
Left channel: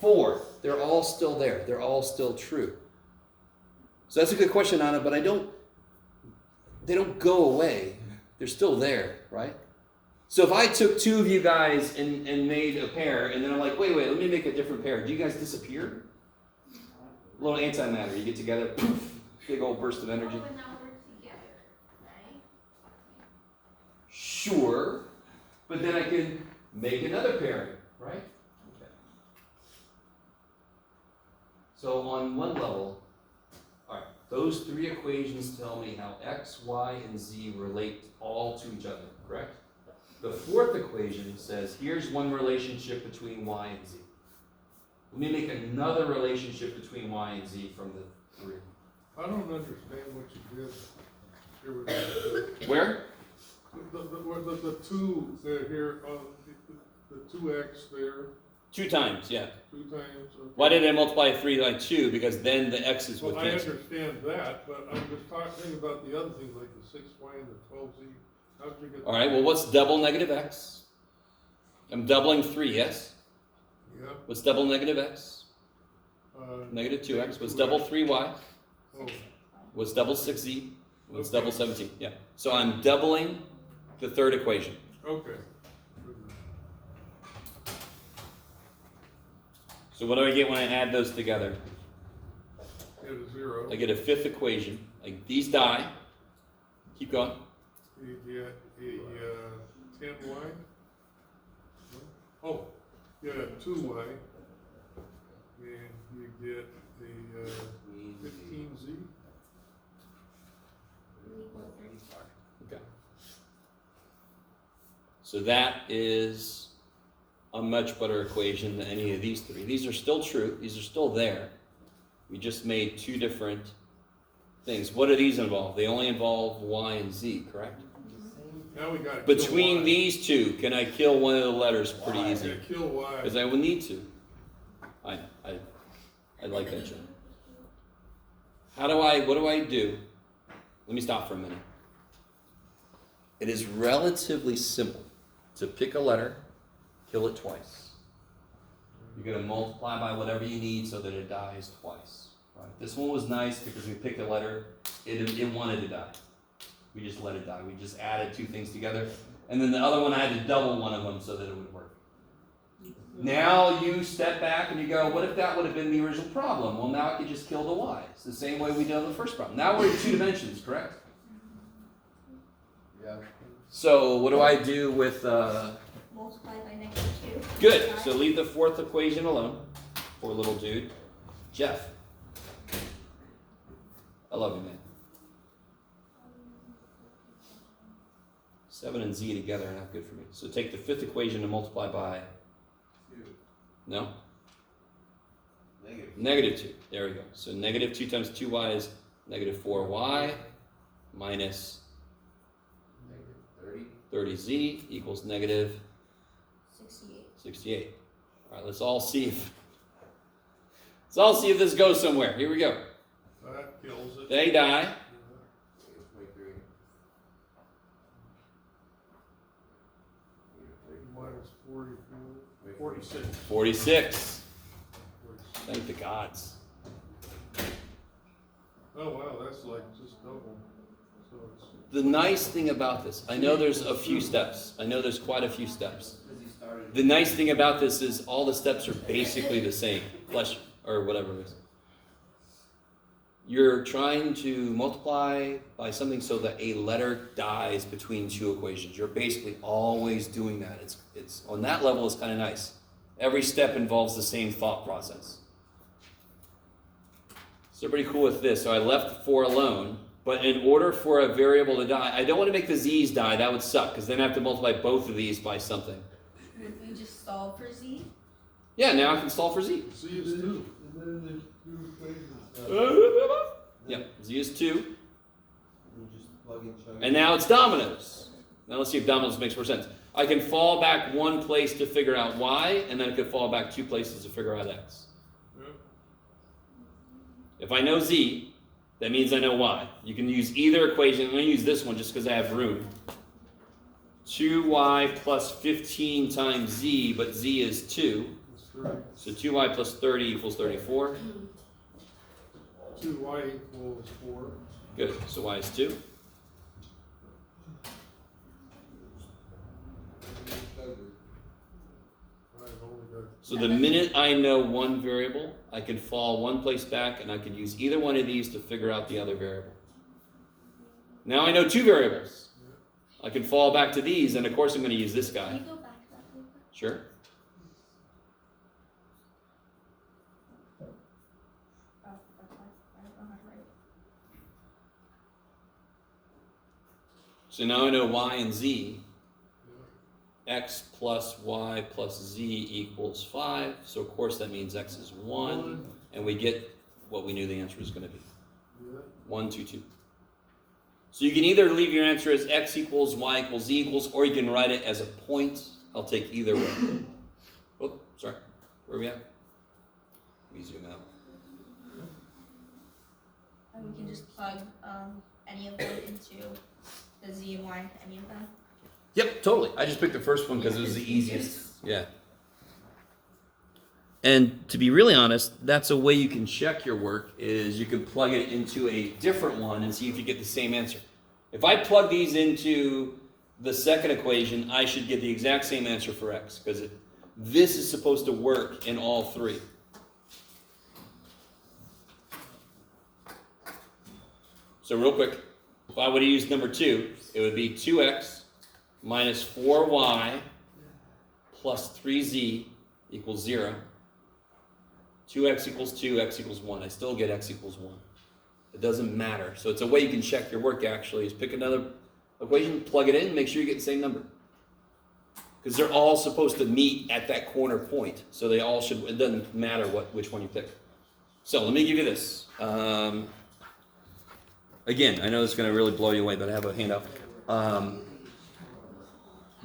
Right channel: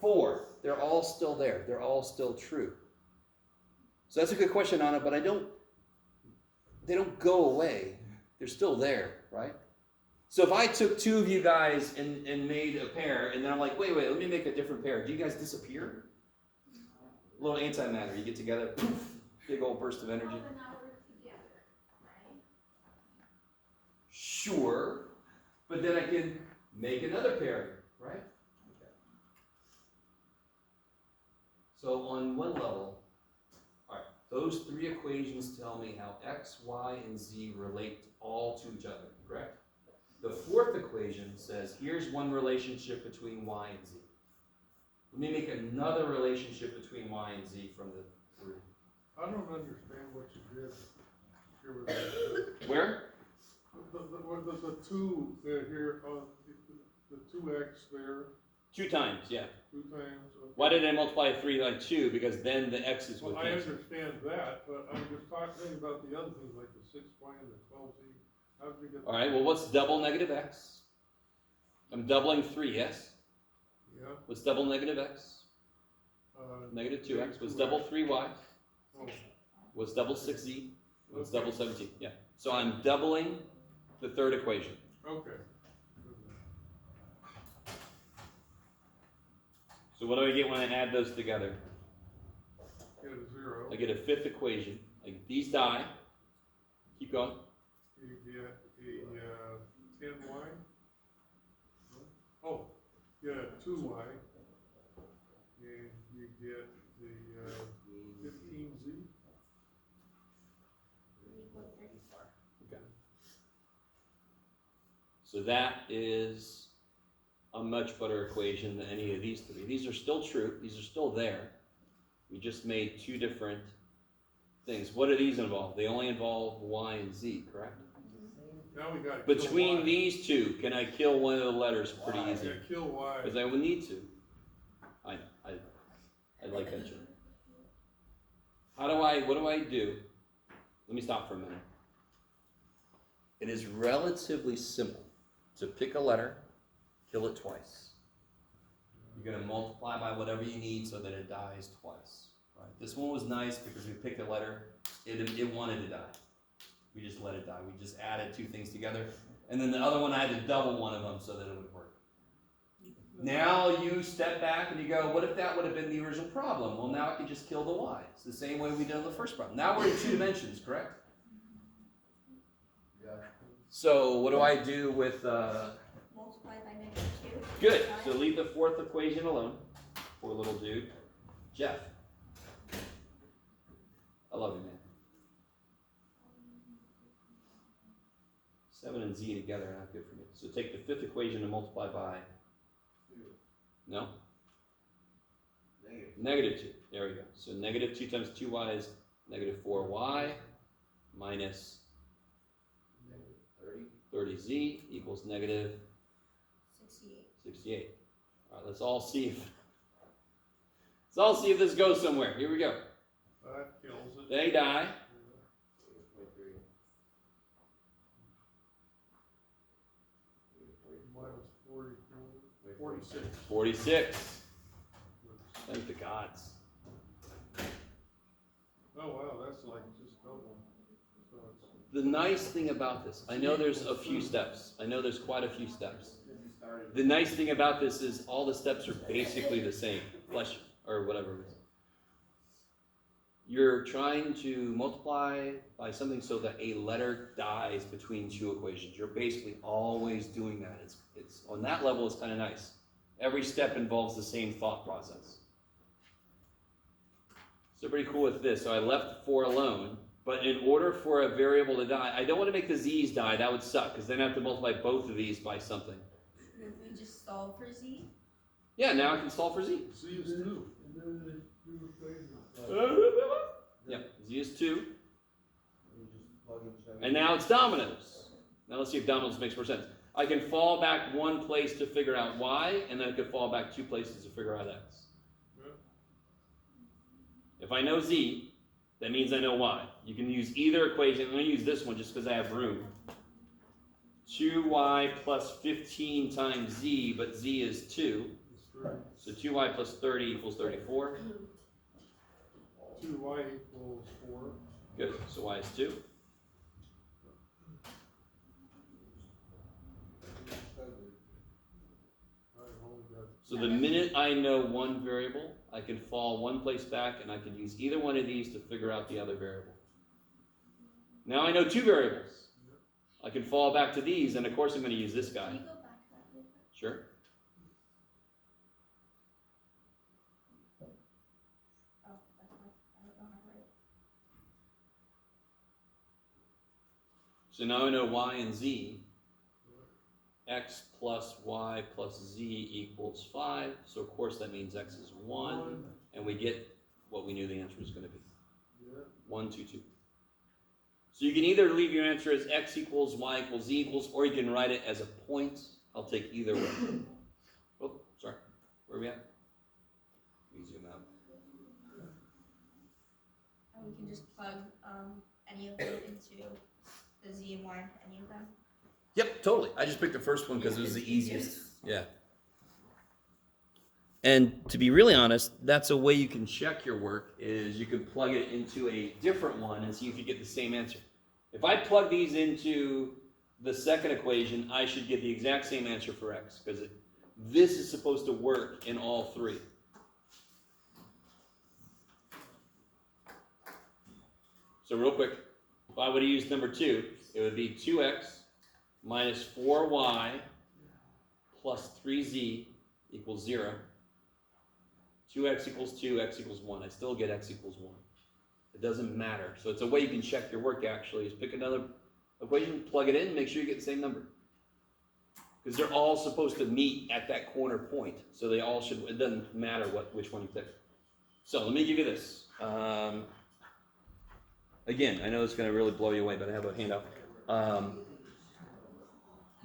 4. They're all still there. They're all still true. So that's a good question, Anna, but they don't go away. They're still there, right? So if I took 2 of you guys and made a pair, and then I'm like, wait, let me make a different pair. Do you guys disappear? A little antimatter. You get together, poof, big old burst of energy. Oh, but now we're together, right? Sure, but then I can make another pairing, right? Okay. So on one level, all right, those 3 equations tell me how x, y, and z relate all to each other, correct? The 4th equation says, here's one relationship between y and z. Let me make another relationship between y and z from the 3. I don't understand what you did here with that. Where? The 2 there here, the 2x there, 2 times, yeah. 2 times. Okay. Why did I multiply 3 by 2? Because then the x's would Well, I cancel. understand that, but I'm just talking about the other things like the 6y and the 12z. How did you get? All right, well, what's double negative x? I'm doubling 3, yes? Yeah. What's double negative x? Negative 2x. What's double 3y? Oh, What's double 6z? What's Okay. double 17? Yeah. So I'm doubling the 3rd equation. okay. So what do I get when I add those together? Get a 0. I get a 5th equation. Like these die. Keep going. You get a 10y. Oh, you get 2y. And you get the 15z. Equals 34. Okay. So that is a much better equation than any of these 3. These are still true. These are still there. We just made 2 different things. What do these involve? They only involve y and z, correct? Now we got Between these 2, can I kill one of the letters pretty easy? Kill y. Because I will need to. I know. I like that joke. What do I do? Let me stop for a minute. It is relatively simple to pick a letter, kill it twice. You're going to multiply by whatever you need so that it dies twice. Right? This one was nice because we picked a letter, it wanted to die. We just let it die. We just added 2 things together. And then the other one, I had to double one of them so that it would work. Now you step back and you go, what if that would have been the original problem? Well, now I could just kill the y's. The same way we did on the first problem. Now we're in 2 dimensions, correct? Yeah. So what do I do with, Multiply by negative 2. good. So leave the 4th equation alone. Poor little dude. Jeff. I love you, man. 7 and z together are not good for me. So take the 5th equation and multiply by, 2. no? Negative. Negative 2. There we go. So negative 2 times 2y is negative 4y minus Negative 30z equals negative 68. 68. All right, let's all see if this goes somewhere. Here we go. That kills it. They die. Yeah. Negative 23. Minus 44, 46. 46. Thank the gods. Oh, wow, that's like just double. So it's, The nice thing about this, I know there's a few steps. I know there's quite a few steps. Because he started. The nice thing about this is all the steps are basically the same. Flesh, or whatever it is. You're trying to multiply by something so that a letter dies between two equations. You're basically always doing that. It's on that level, it's kind of nice. Every step involves the same thought process. So pretty cool with this. So I left 4 alone, but in order for a variable to die, I don't want to make the z's die. That would suck, because then I have to multiply both of these by something. You just solve for z. Yeah, now I can solve for z. C is 2. And then there's two equations. Yeah, z is 2. You just plug in chug. And now it's dominoes. Now let's see if dominoes makes more sense. I can fall back one place to figure out y, and then I could fall back 2 places to figure out x. Yep. If I know z, that means I know y. You can use either equation. I'm going to use this one just because I have room. 2y plus 15 times z, but z is 2. That's 3. So 2y plus 30 equals 34. 2y equals 4. Good. So y is 2. I've only got So the minute I know one variable, I can fall one place back, and I can use either one of these to figure out the other variable. Now I know 2 variables. I can fall back to these, and of course I'm going to use this Can guy. you go back to that real quick? Sure. Oh, that's why I don't know how to write it. So now I know y and z. X plus y plus z equals 5. So of course that means x is 1. And we get what we knew the answer was going to be. yeah. 1, 2, 2. So you can either leave your answer as x equals, y equals, z equals, or you can write it as a point. I'll take either way. Oh, sorry. Where are we at? Let me zoom out. And we can just plug any of them into the z and y into any of them. Yep, totally. I just picked the first one because it was the easiest. Yeah. And to be really honest, that's a way you can check your work, is you can plug it into a different one and see if you get the same answer. If I plug these into the second equation, I should get the exact same answer for x, because this is supposed to work in all 3. So real quick, if I would have used number 2, it would be 2x minus 4y plus 3z equals 0. 2x equals 2, x equals 1. I still get x equals 1. It doesn't matter. So it's a way you can check your work, actually, is pick another equation, plug it in, make sure you get the same number. Because they're all supposed to meet at that corner point. So they all should, it doesn't matter which one you pick. So let me give you this. Again, I know it's going to really blow you away, but I have a handout.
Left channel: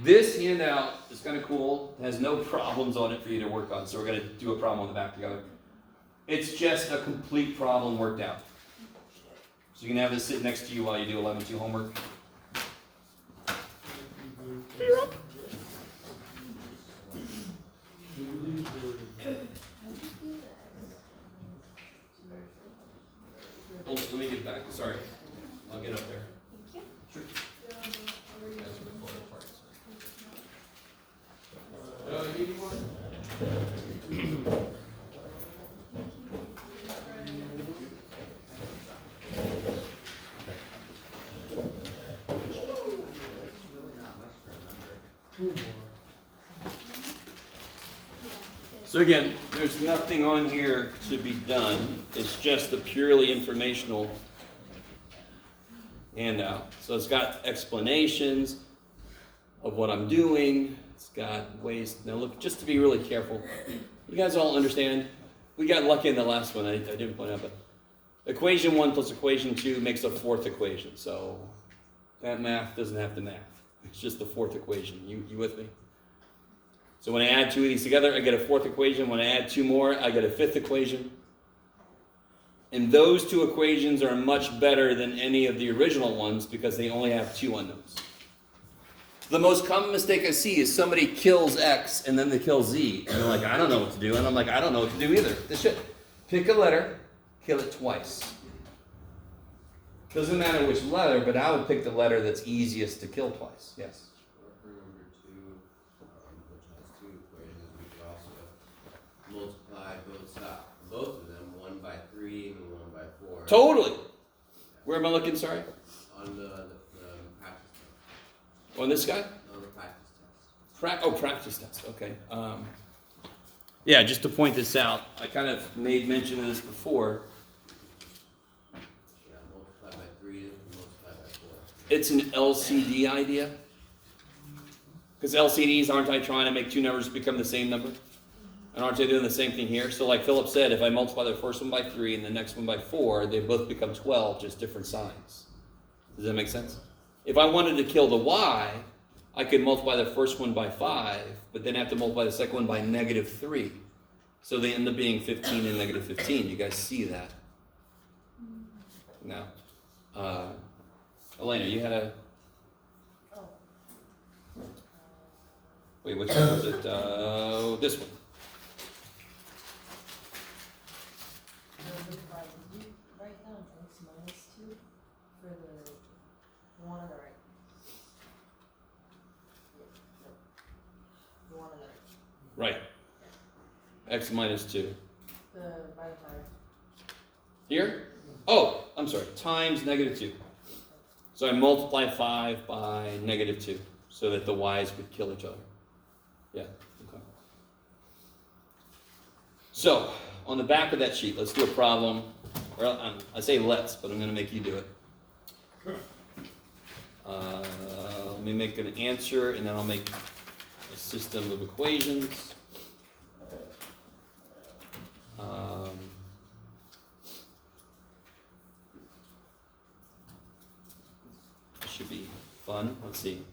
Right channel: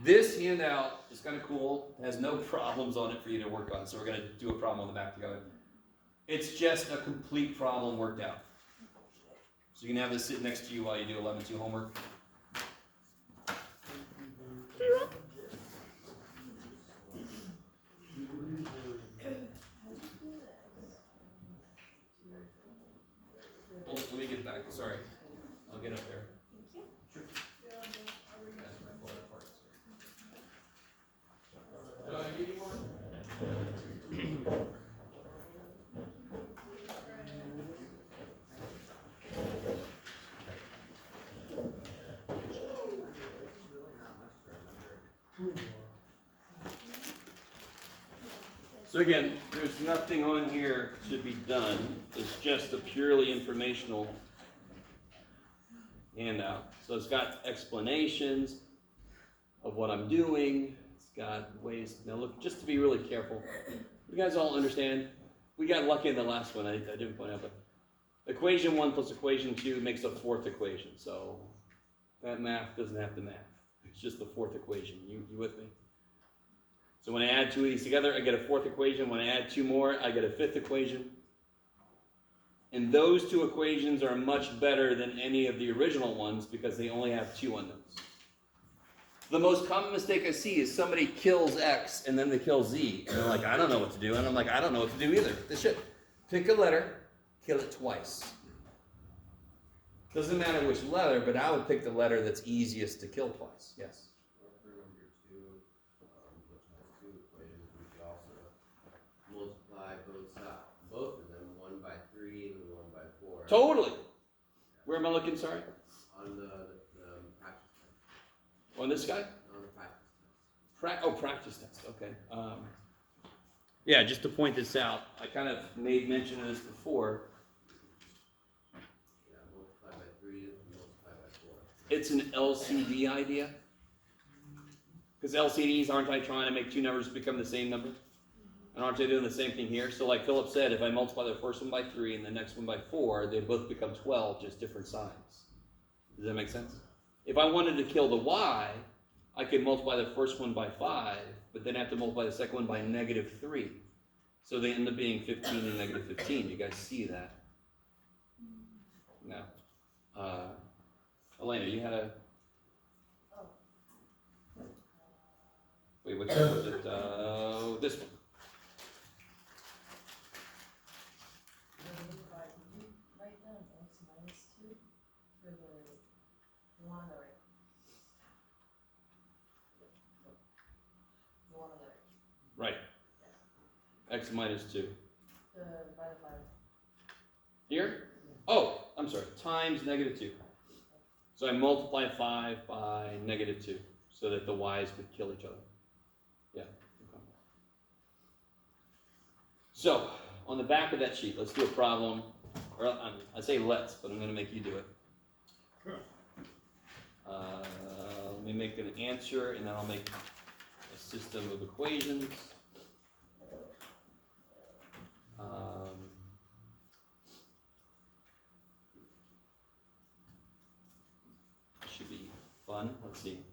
This handout is kind of cool. It has no problems on it for you to work on, so we're going to do a problem on the back together. It's just a complete problem worked out. So you can have this sit next to you while you do 11-2 homework. Oh, let me get back. Sorry. I'll get up there. Thank you. So again, there's nothing on here to be done. It's just a purely informational handout. So it's got explanations of what I'm doing. It's got ways. Now look, just to be really careful. You guys all understand? We got lucky in the last one. I didn't point out, but equation 1 plus equation 2 makes a fourth equation. So that math doesn't have to math. It's just the fourth equation. You with me? So when I add two of these together, I get a fourth equation. When I add two more, I get a fifth equation. And those two equations are much better than any of the original ones because they only have two unknowns. The most common mistake I see is somebody kills X and then they kill Z. And they're like, I don't know what to do. And I'm like, I don't know what to do either. This shit. Pick a letter, kill it twice. Doesn't matter which letter, but I would pick the letter that's easiest to kill twice. Yes? Or for number 2, which has two equations, we could also multiply both of them, 1 by 3 and 1 by 4. Totally. Where am I looking, sorry? On the practice test. On this guy? On the practice test. Practice test. Okay. Yeah, just to point this out, I kind of made mention of this before. Yeah, multiply by 3 and multiply by 4. It's an LCD idea. Because LCDs, aren't I trying to make two numbers become the same number? And aren't they doing the same thing here? So like Philip said, if I multiply the first one by 3 and the next one by 4, they both become 12, just different signs. Does that make sense? If I wanted to kill the y, I could multiply the first one by 5, but then have to multiply the second one by -3. So they end up being 15 and -15. You guys see that? Now, Elena, you had a... Wait, which one was it? This one. Did you write down x minus 2 for the one on the right? The one on the right. Right. X minus 2. By the 5. Here? Oh, I'm sorry. Times -2. So I multiply 5 by -2 so that the y's would kill each other. Yeah. Okay. So, on the back of that sheet, let's do a problem. Or I say let's, but I'm going to make you do it. Let me make an answer, and then I'll make a system of equations. Should be fun. Let's see.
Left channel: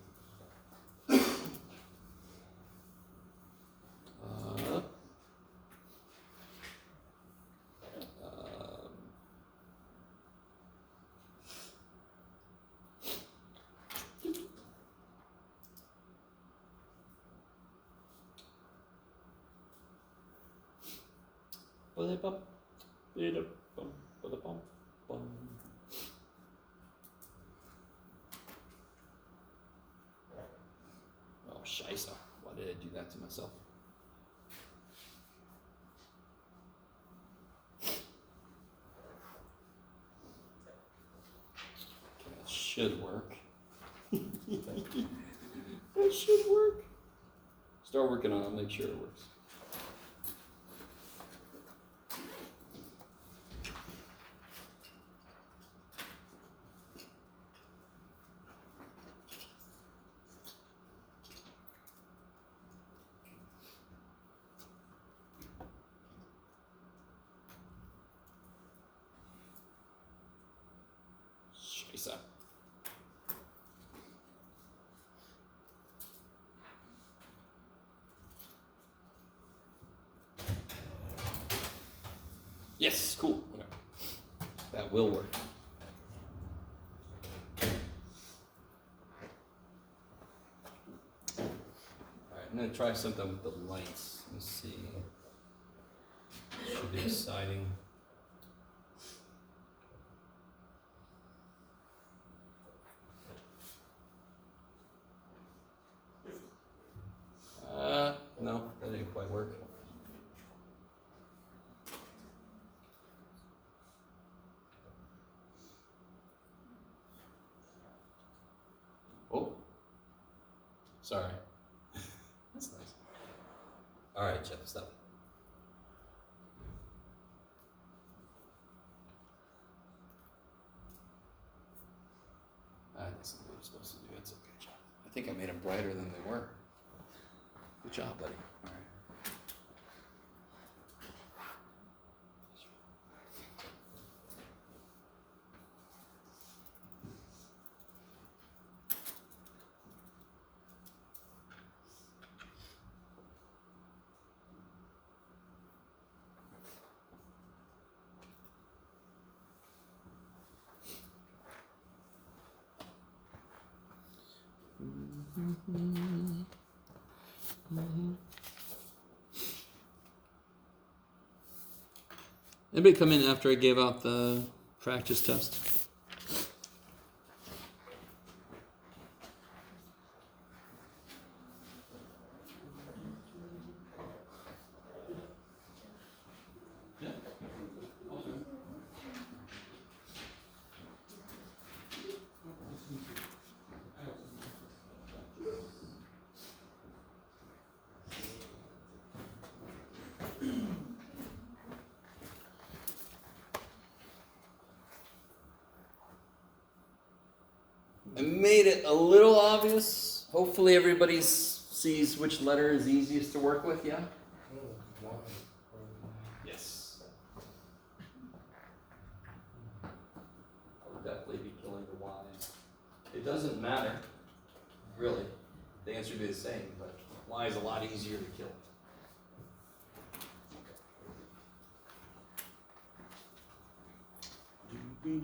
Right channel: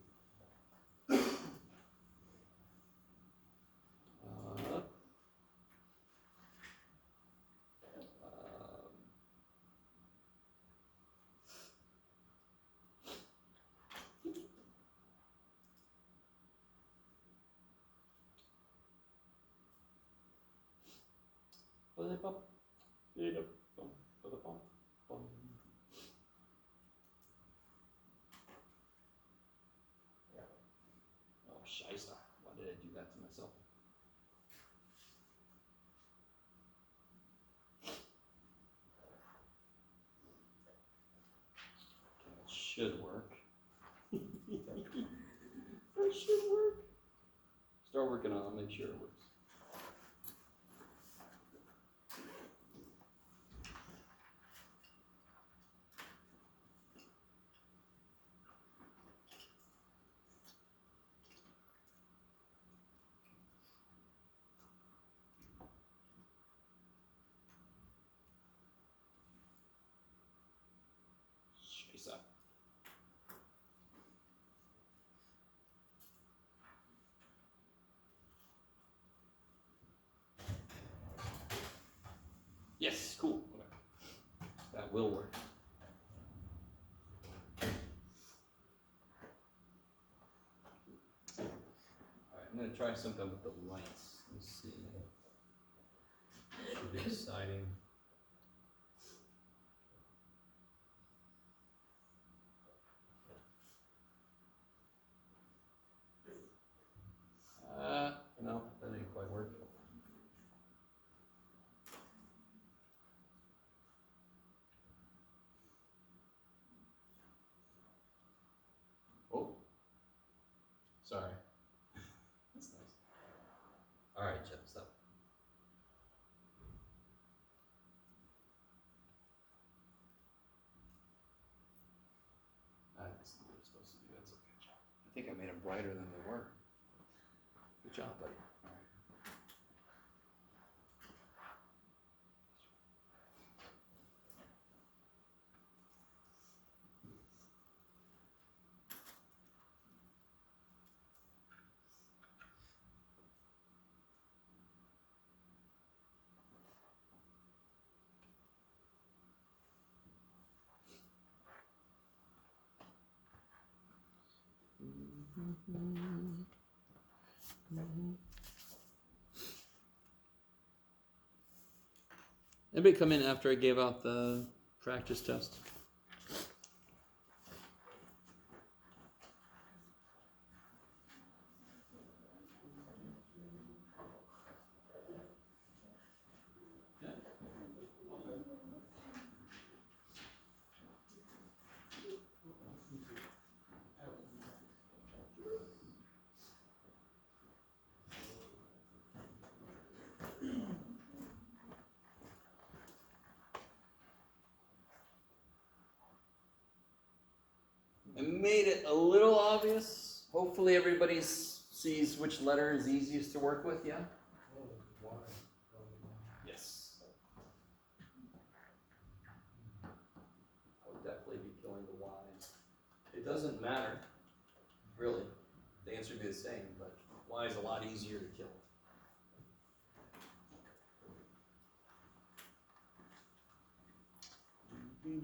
Oh, scheisse. Why did I do that to myself? Okay, that should work. That should work. Start working on it, I'll make sure it works. Scheisse. Yes, cool. Okay. That will work. Alright, I'm going to try something with the lights. Let me see. Should be exciting. No, that didn't quite work. Oh, sorry. That's nice. All right, Jeff, stop. That's not what I'm supposed to do. That's okay, Jeff. I think I made them brighter than they were. Good job, buddy. All right. Anybody come in after I gave out the practice test? I made it a little obvious. Hopefully everybody sees which letter is easiest to work with, yeah? Yes. I would definitely be killing the Y's. It doesn't matter, really. The answer would be the same, but Y is a lot easier to kill. Where did I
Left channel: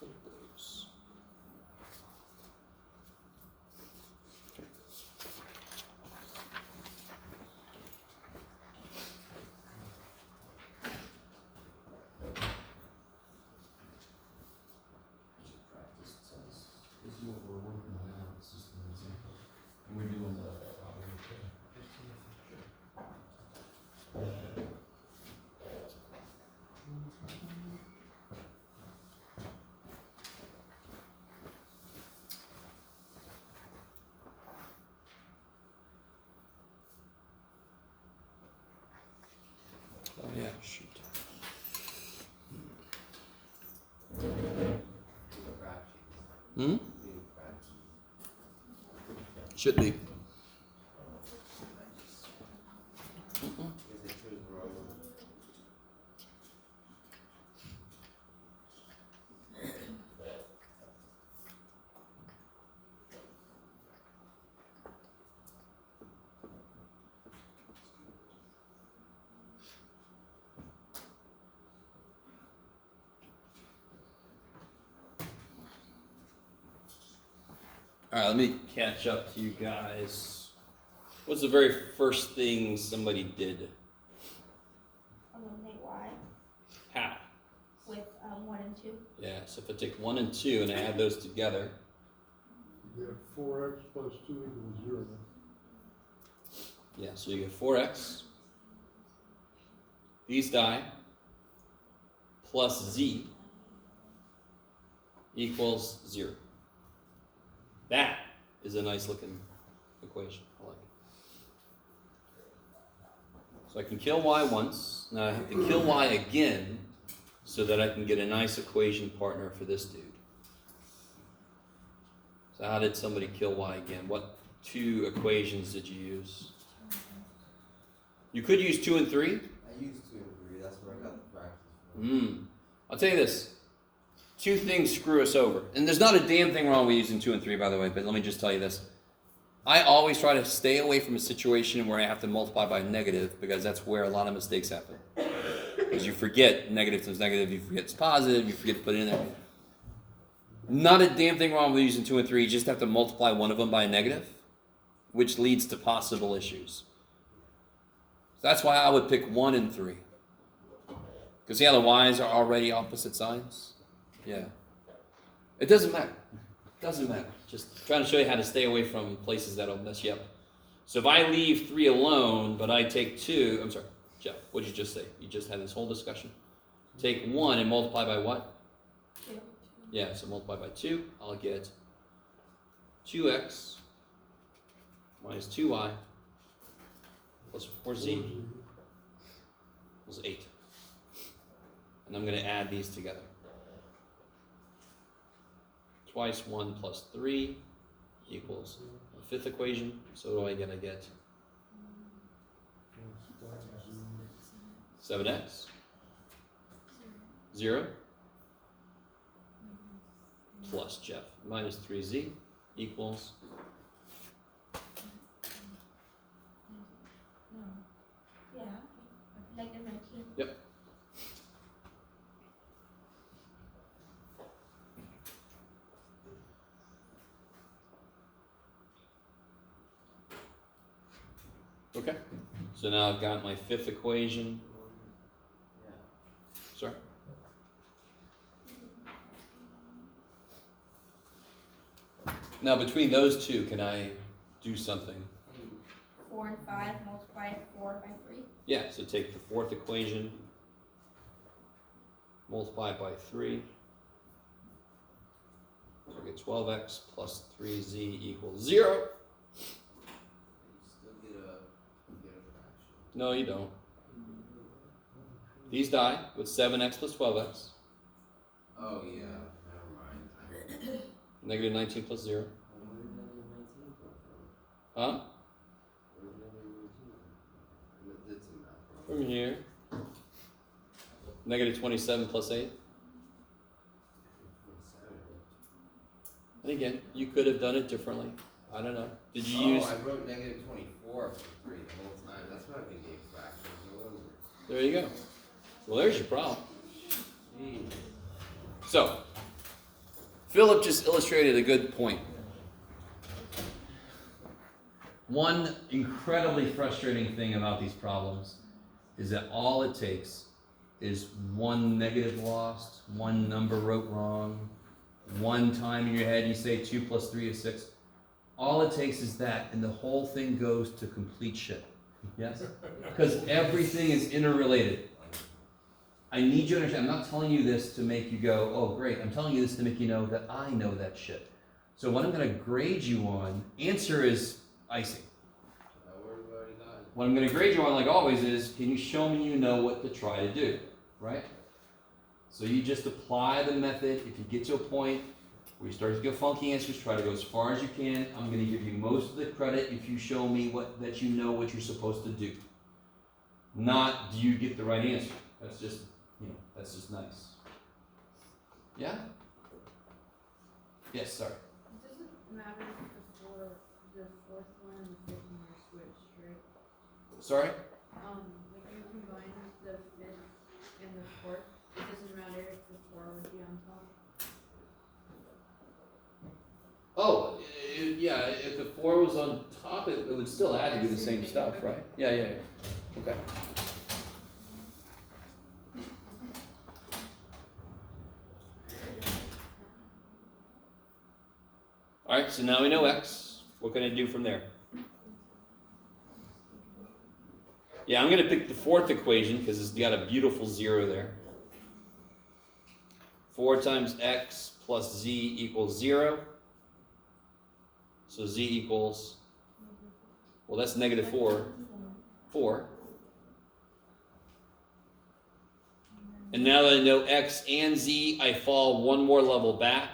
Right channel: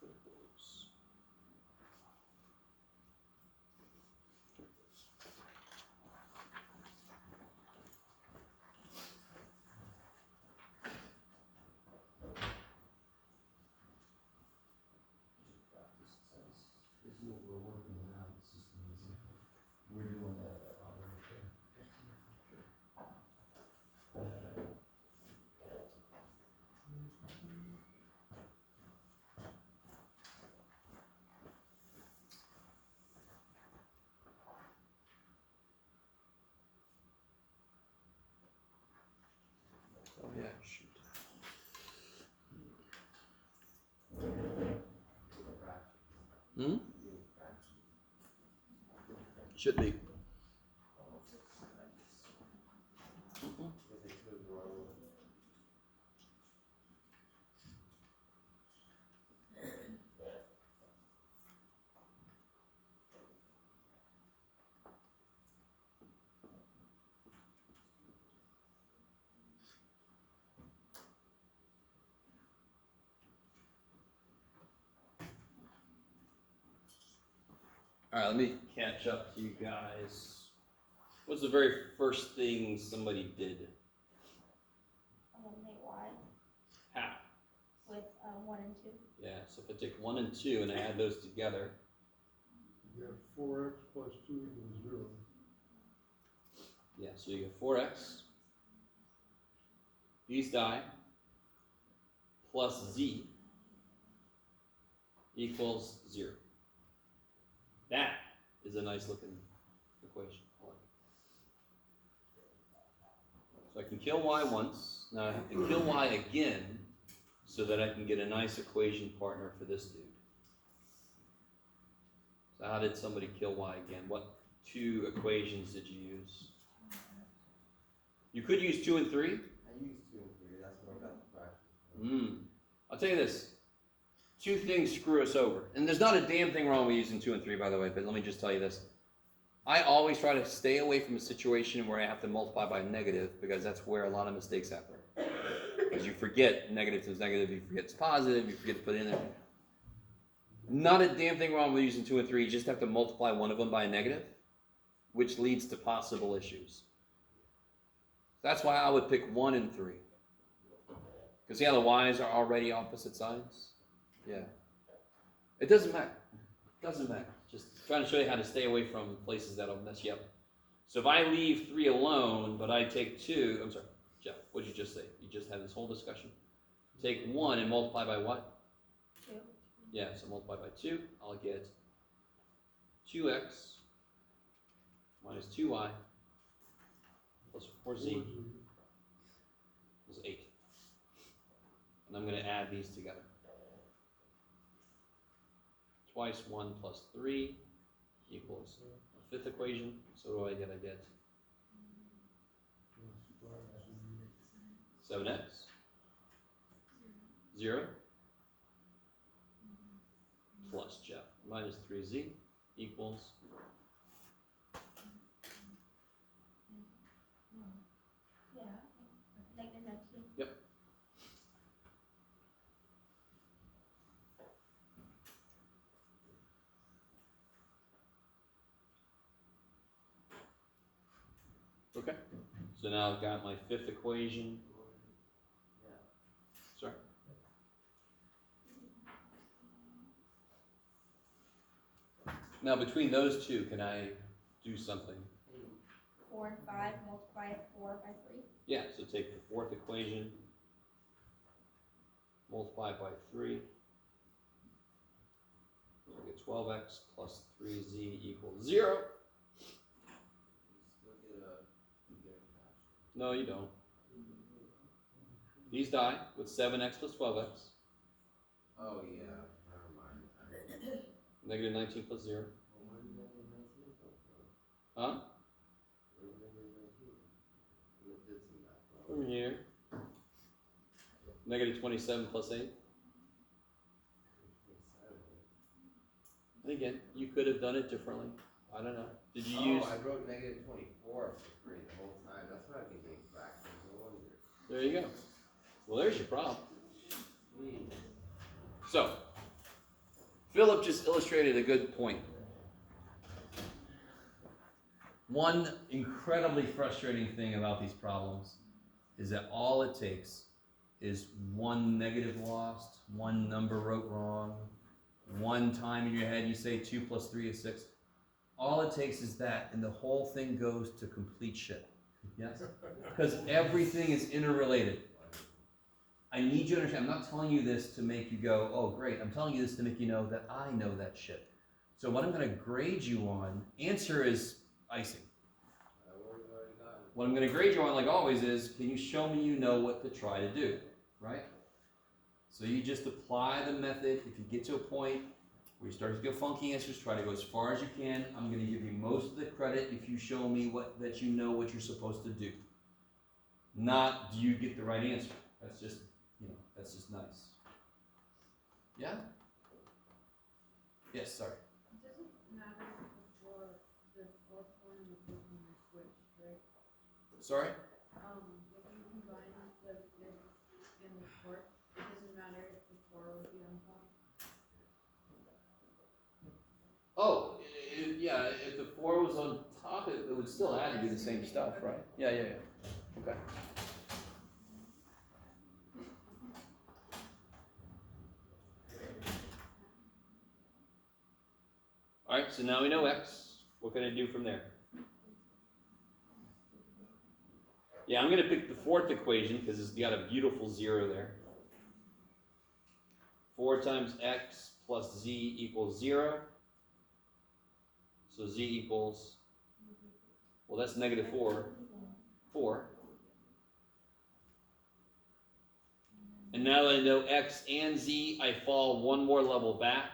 put those? Practice test. This is what we're working on now. This is an example. And we're doing the problem. Oh yeah, shoot. Hmm? Should be. Alright, let me catch up to you guys. What's the very first thing somebody did? Eliminate Y How? with 1 and 2. Yeah, so if I take 1 and 2 and I add those together, You get 4x plus 2 equals 0. yeah, so you get 4x, these die, plus z equals 0. That is a nice looking equation. I like it. So I can kill y once, now I have to kill y again so that I can get a nice equation partner for this dude. So how did somebody kill y again? What 2 equations did you use? You could use 2 and 3. I used 2 and 3, that's what I got the practice for. I'll tell you this. 2 things screw us over. And there's not a damn thing wrong with using 2 and 3, by the way, but let me just tell you this. I always try to stay away from a situation where I have to multiply by negative, because that's where a lot of mistakes happen. Because you forget negative times negative, you forget it's positive, you forget to put it in there. Not a damn thing wrong with using 2 and 3, you just have to multiply one of them by a negative, which leads to possible issues. That's why I would pick 1 and 3. Because yeah, the y's are already opposite signs. Yeah. It doesn't matter. It doesn't matter. Just trying to show you how to stay away from places that'll mess you up. So if I leave 3 alone, but I take 2, I'm sorry, Jeff, what did you just say? You just had this whole discussion. Take 1 and multiply by what? 2. Yeah, so multiply by 2, I'll get 2x minus 2y plus 4z equals 8. And I'm going to add these together. Twice 1 plus 3 equals the 5th equation. So what do I get? I get 7x, 0, plus Jeff, minus 3z equals Okay. So now I've got my fifth equation. Yeah. Sorry. Now between those two, can I do something? 4 and 5, multiply 4 by 3. Yeah, so take the fourth equation, multiply it by 3. So I get 12x plus 3z equals 0. You still get a fraction. No, you don't. These die with 7x plus 12x, Oh, yeah, never mind. negative 19 plus 0. Where did negative 19 come from? Huh? Where did negative 19 come from? I did some math wrong. From here. Negative 27 plus 8. 27. And again, you could have done it differently. I don't know. Did you use... I wrote negative 24 for 3 the whole time. That's what I've been getting fractions. No wonder. There you go. Well, there's your problem. Jeez. So, Philip just illustrated a good point. One incredibly frustrating thing about these problems is that all it takes is one negative lost, one number wrote wrong, one time in your head you say 2 plus 3 is 6. All it takes is that, and the whole thing goes to complete shit. Yes? Because everything is interrelated. I need you to understand, I'm not telling you this to make you go, oh great, I'm telling you this to make you know that I know that shit. So what I'm going to grade you on, answer is icing. Where have we already gotten? What I'm going to grade you on, like always, is can you show me you know what to try to do, right? So you just apply the method. If you get to a point where you start to get funky answers, try to go as far as you can. I'm going to give you most of the credit if you show me that you know what you're supposed to do. Not do you get the right answer. That's just, that's just nice. Yeah? Yes, sorry. It doesn't matter the fourth one and the fifth one are switched, right? Sorry? Like you combine the fifth and the fourth, it doesn't matter if the 4 would be on top. Oh, yeah, if the 4 was on top, it would still add to do the same stuff, right? Yeah. Okay. All right, so now we know x. What can I do from there? Yeah, I'm going to pick the fourth equation because it's got a beautiful 0 there. 4 times x plus z equals 0. So z equals, well, that's negative 4. And now that I know x and z, I fall one more level back.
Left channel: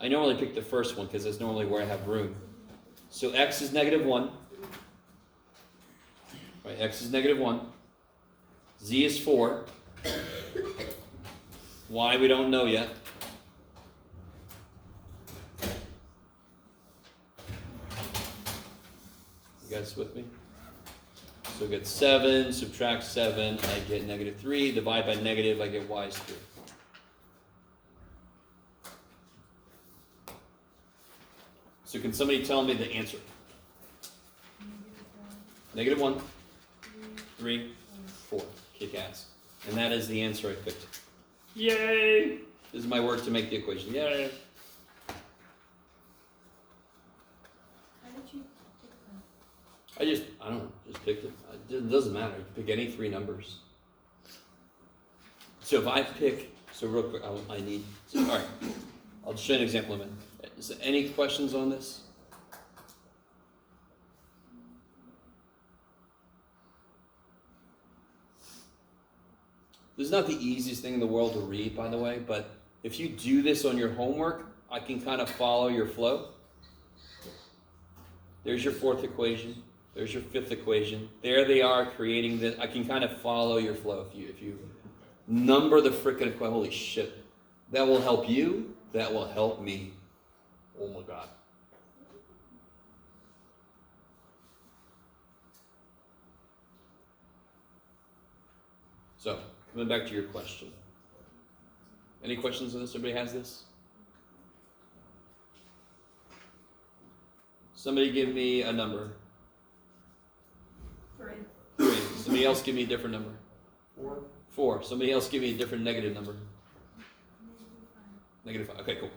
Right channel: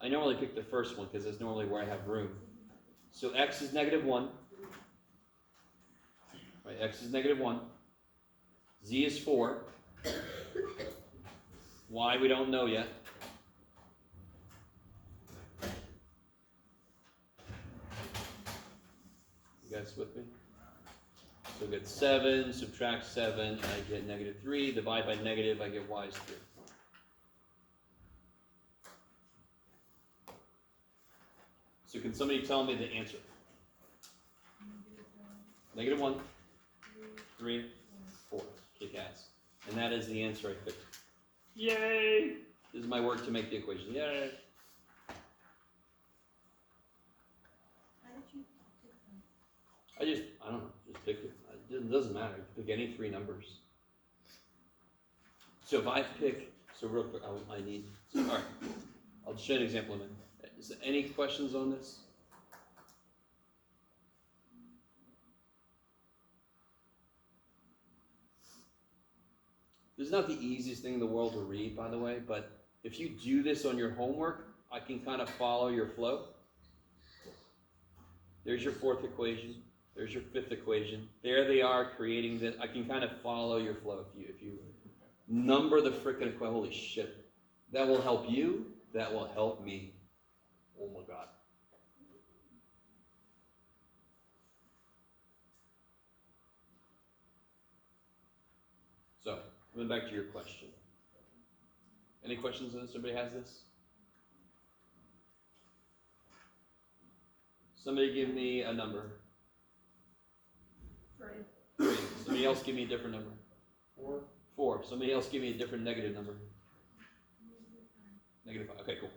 I normally pick the first one because that's normally where I have room. So x is negative 1. Right, x is negative 1. Z is 4. Y we don't know yet. You guys with me? So we get 7, subtract 7, I get negative 3. Divide by negative, I get y is 3. So can somebody tell me the answer? Negative 1, 3, 4. Kick ass. And that is the answer I picked. Yay! This is my work to make the equation. Yay! Why don't you pick them? I don't know, just picked it. It doesn't matter. Pick any 3 numbers. So if I pick, so real quick, I need, so, all right, I'll show you an example in a minute. Is there any questions on this? This is not the easiest thing in the world to read, by the way, but if you do this on your homework, I can kind of follow your flow. There's your fourth equation. There's your fifth equation. There they are creating this. I can kind of follow your flow. If you number the frickin' equation, holy shit. That will help you. That will help me. Oh my God. So, coming back to your question. Any questions on this? Everybody has this? Somebody give me a number. 3. Somebody else give me a different number. 4. 4. Somebody else give me a different negative number. Negative 5. Okay, cool.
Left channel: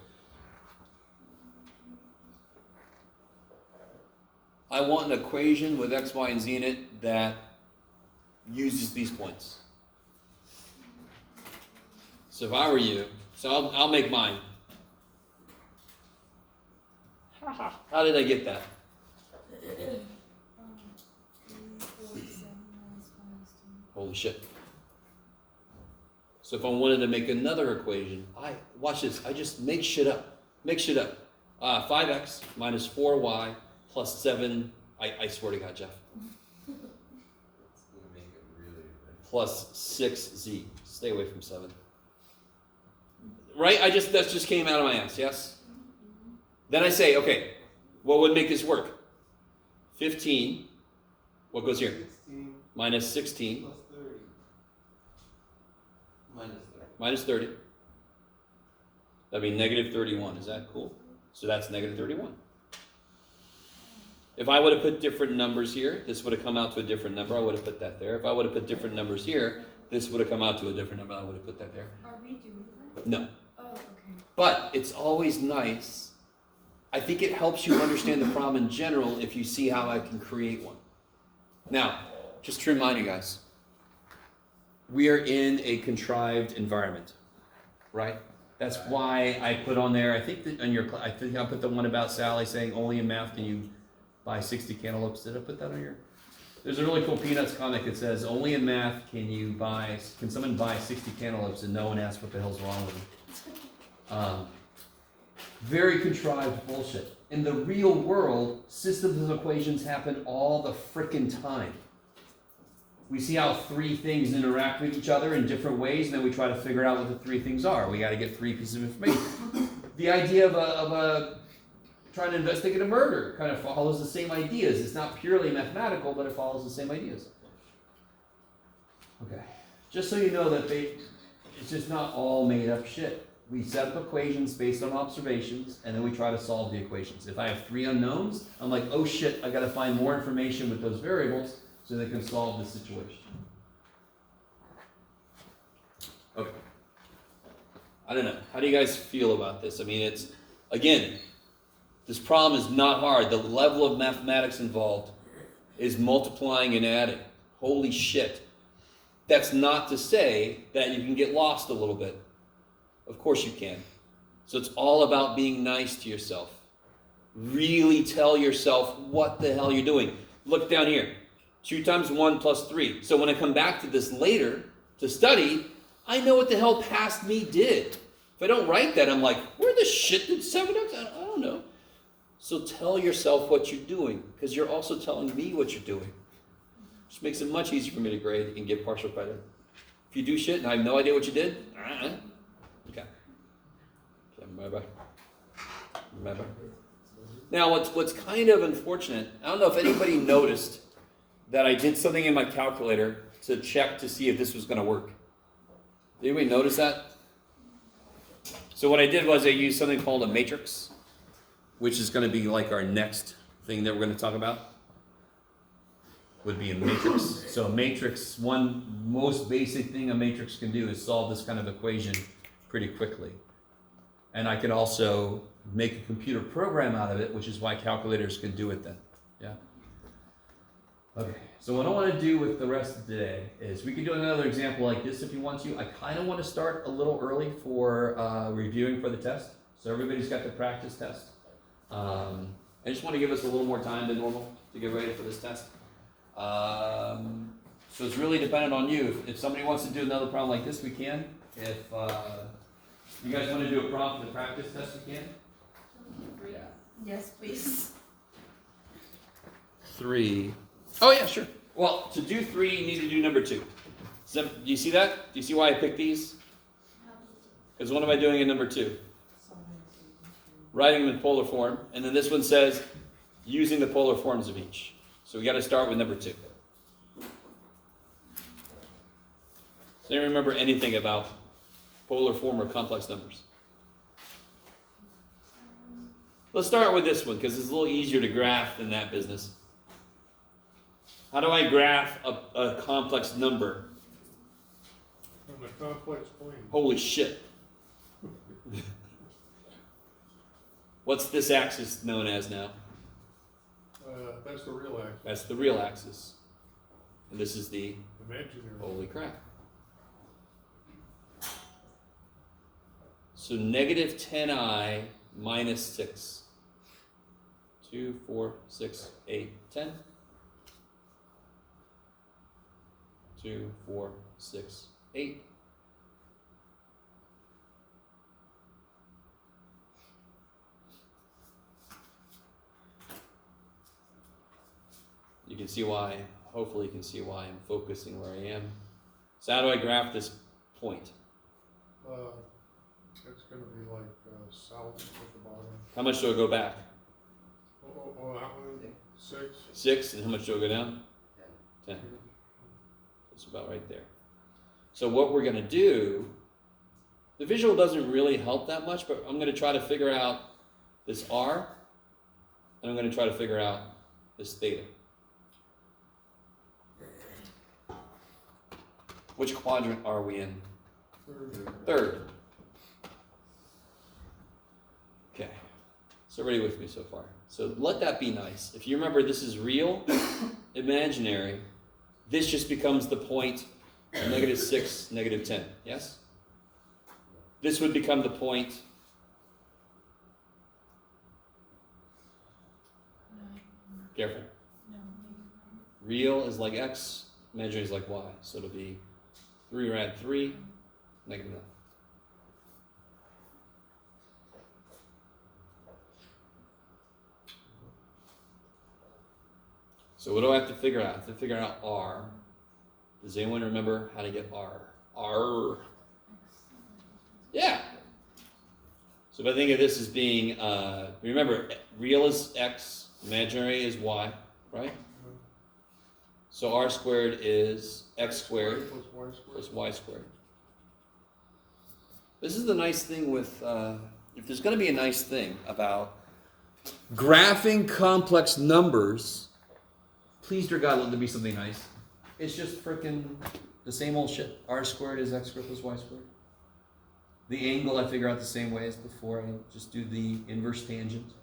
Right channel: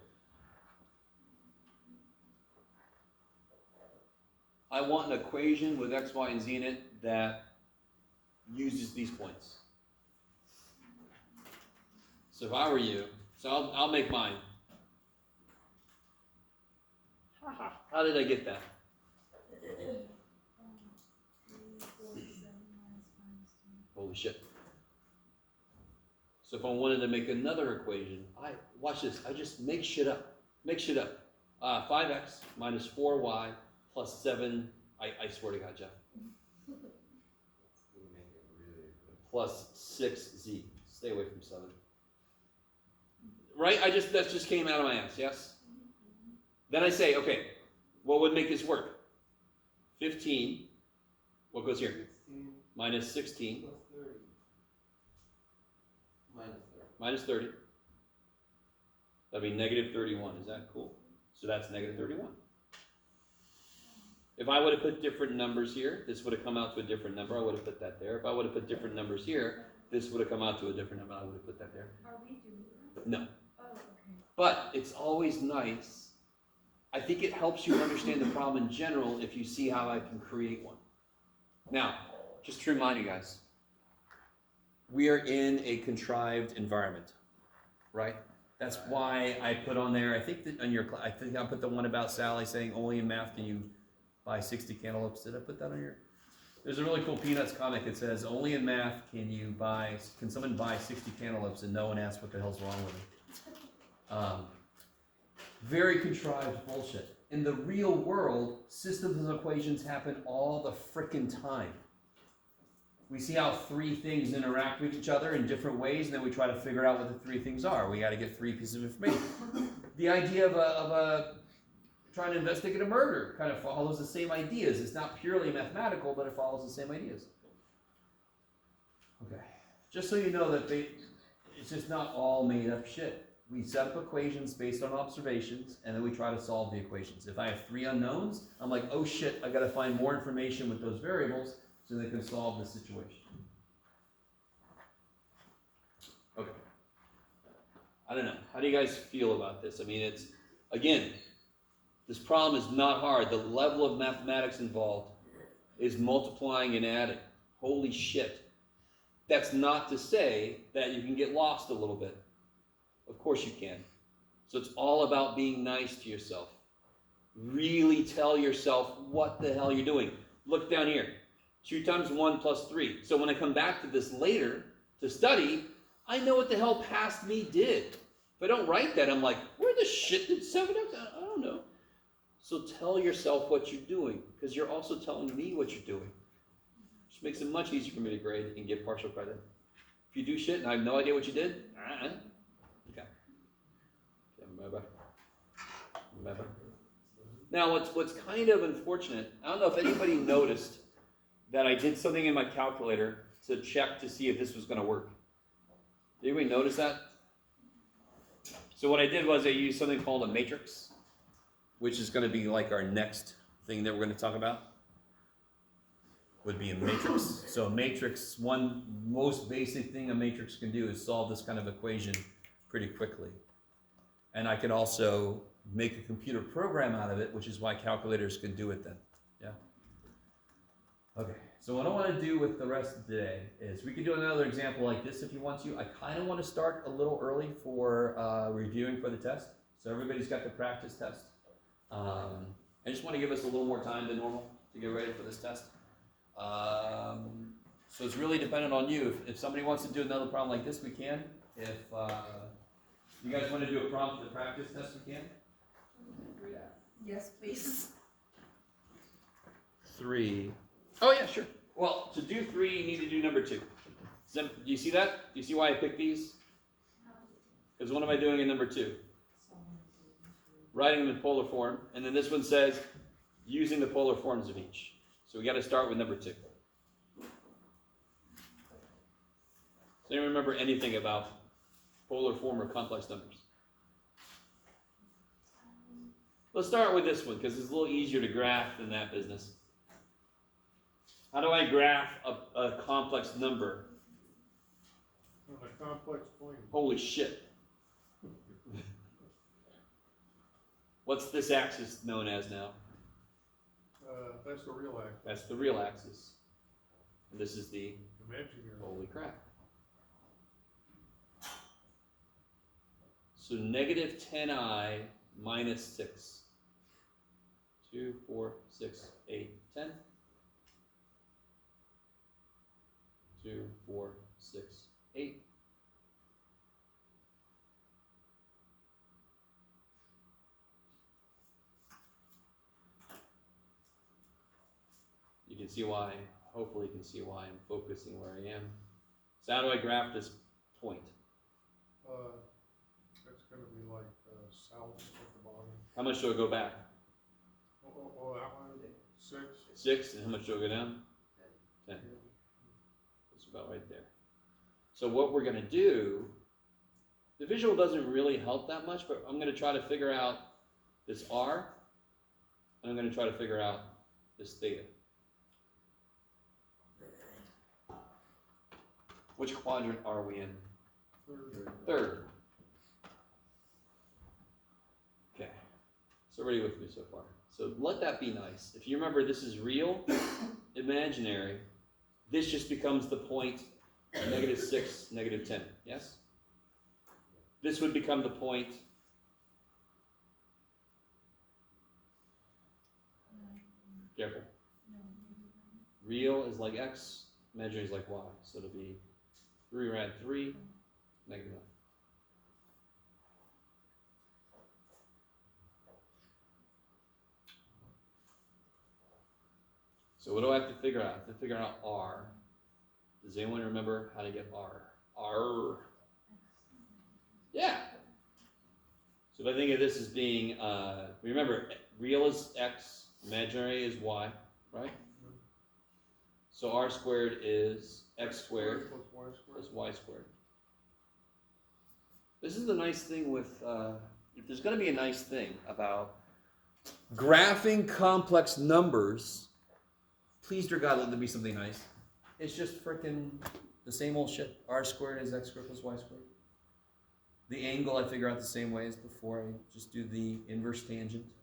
I want an equation with x, y, and z in it that uses these points. So if I were you, so I'll make mine. How did I get that? Holy shit. So if I wanted to make another equation, watch this, I just make shit up. Make shit up. 5x minus 4y plus 7, I swear to God, Jeff, It's gonna make it really good. plus 6z. Stay away from 7. Right? That just came out of my ass, yes? Then I say, okay, what would make this work? 15, what goes here? 16 Minus 16, plus 30. minus 30. That'd be negative 31. Is that cool? So that's negative 31. If I would have put different numbers here, this would have come out to a different number. I would have put that there. If I would have put different numbers here, this would have come out to a different number. I would have put that there. Are we doing that? No. Oh, okay. But it's always nice. I think it helps you understand the problem in general if you see how I can create one. Now, just to remind you guys, we are in a contrived environment, right? That's why I put on there, I think I put the one about Sally saying only in math can you buy 60 cantaloupes. Did I put that on your? There's a really cool Peanuts comic that says only in math can someone buy 60 cantaloupes and no one asks what the hell's wrong with them. Very contrived bullshit. In the real world, systems of equations happen all the frickin' time. We see how 3 things interact with each other in different ways, and then we try to figure out what the 3 things are. We got to get 3 pieces of information. The idea of trying to investigate a murder kind of follows the same ideas. It's not purely mathematical, but it follows the same ideas. Okay, just so you know that it's just not all made up shit. We set up equations based on observations, and then we try to solve the equations. If I have 3 unknowns, I'm like, oh shit, I got to find more information with those variables so they can solve the situation. Okay. I don't know. How do you guys feel about this? I mean, again, this problem is not hard. The level of mathematics involved is multiplying and adding. Holy shit. That's not to say that you can get lost a little bit. Of course you can. So it's all about being nice to yourself. Really tell yourself what the hell you're doing. Look down here. 2 times 1 plus 3. So when I come back to this later to study, I know what the hell past me did. If I don't write that, I'm like, where the shit did 7 x? I don't know. So tell yourself what you're doing, because you're also telling me what you're doing. Which makes it much easier for me to grade and get partial credit. If you do shit and I have no idea what you did, okay. Remember. Now, what's kind of unfortunate, I don't know if anybody noticed that I did something in my calculator to check to see if this was going to work. Did anybody notice that? So what I did was I used something called a matrix, which is going to be like our next thing that we're going to talk about. Would be a matrix. So a matrix, one most basic thing a matrix can do is solve this kind of equation pretty quickly. And I can also make a computer program out of it, which is why calculators can do it then. Yeah? Okay, so what I want to do with the rest of today is we can do another example like this if you want to. I kind of want to start a little early for reviewing for the test. So everybody's got the practice test. I just want to give us a little more time than normal to get ready for this test. So it's really dependent on you. If somebody wants to do another problem like this, we can. If you guys want to do a problem for the practice test, we can. Yes, please. 3. Oh yeah, sure. Well, to do 3, you need to do number 2. Do you see that? Do you see why I picked these? Because what am I doing in number 2? Writing them in polar form. And then this one says, using the polar forms of each. So we got to start with number 2. Does anyone remember anything about polar form or complex numbers? Let's start with this one because it's a little easier to graph than that business. How do I graph a complex number? On a complex plane. Holy shit. What's this axis known as now? That's the real axis. That's the real axis. And this is the Imaginary. holy crap. So negative 10i minus 6. 2, 4, 6, 8, 10. 2, 4, 6, 8. You can see why, hopefully you can see why I'm focusing where I am. So how do I graph this point? It's gonna be like, south at the bottom. How much do I go back? Oh, that one, 6. 6, and how much do I go down? 10. It's about right there. So what we're gonna do, the visual doesn't really help that much, but I'm gonna try to figure out this R, and I'm gonna try to figure out this theta. Which quadrant are we in? Third. Okay. So everybody with me so far? So let that be nice. If you remember this is real, imaginary, this just becomes the point -6, -10. Yes? This would become the point careful. Real is like X, imaginary is like Y. So it'll be 3 rad 3, -9. So what do I have to figure out? I have to figure out R. Does anyone remember how to get R? R. Yeah. So if I think of this as being, remember, real is X, imaginary is Y, right? So R squared is X squared Plus Y squared. plus Y squared. This is the nice thing with, if there's going to be a nice thing about graphing complex numbers, please, dear God, let there be something nice. It's just frickin' the same old shit. R squared is X squared plus Y squared. The angle I figure out the same way as before. I just do the inverse tangent.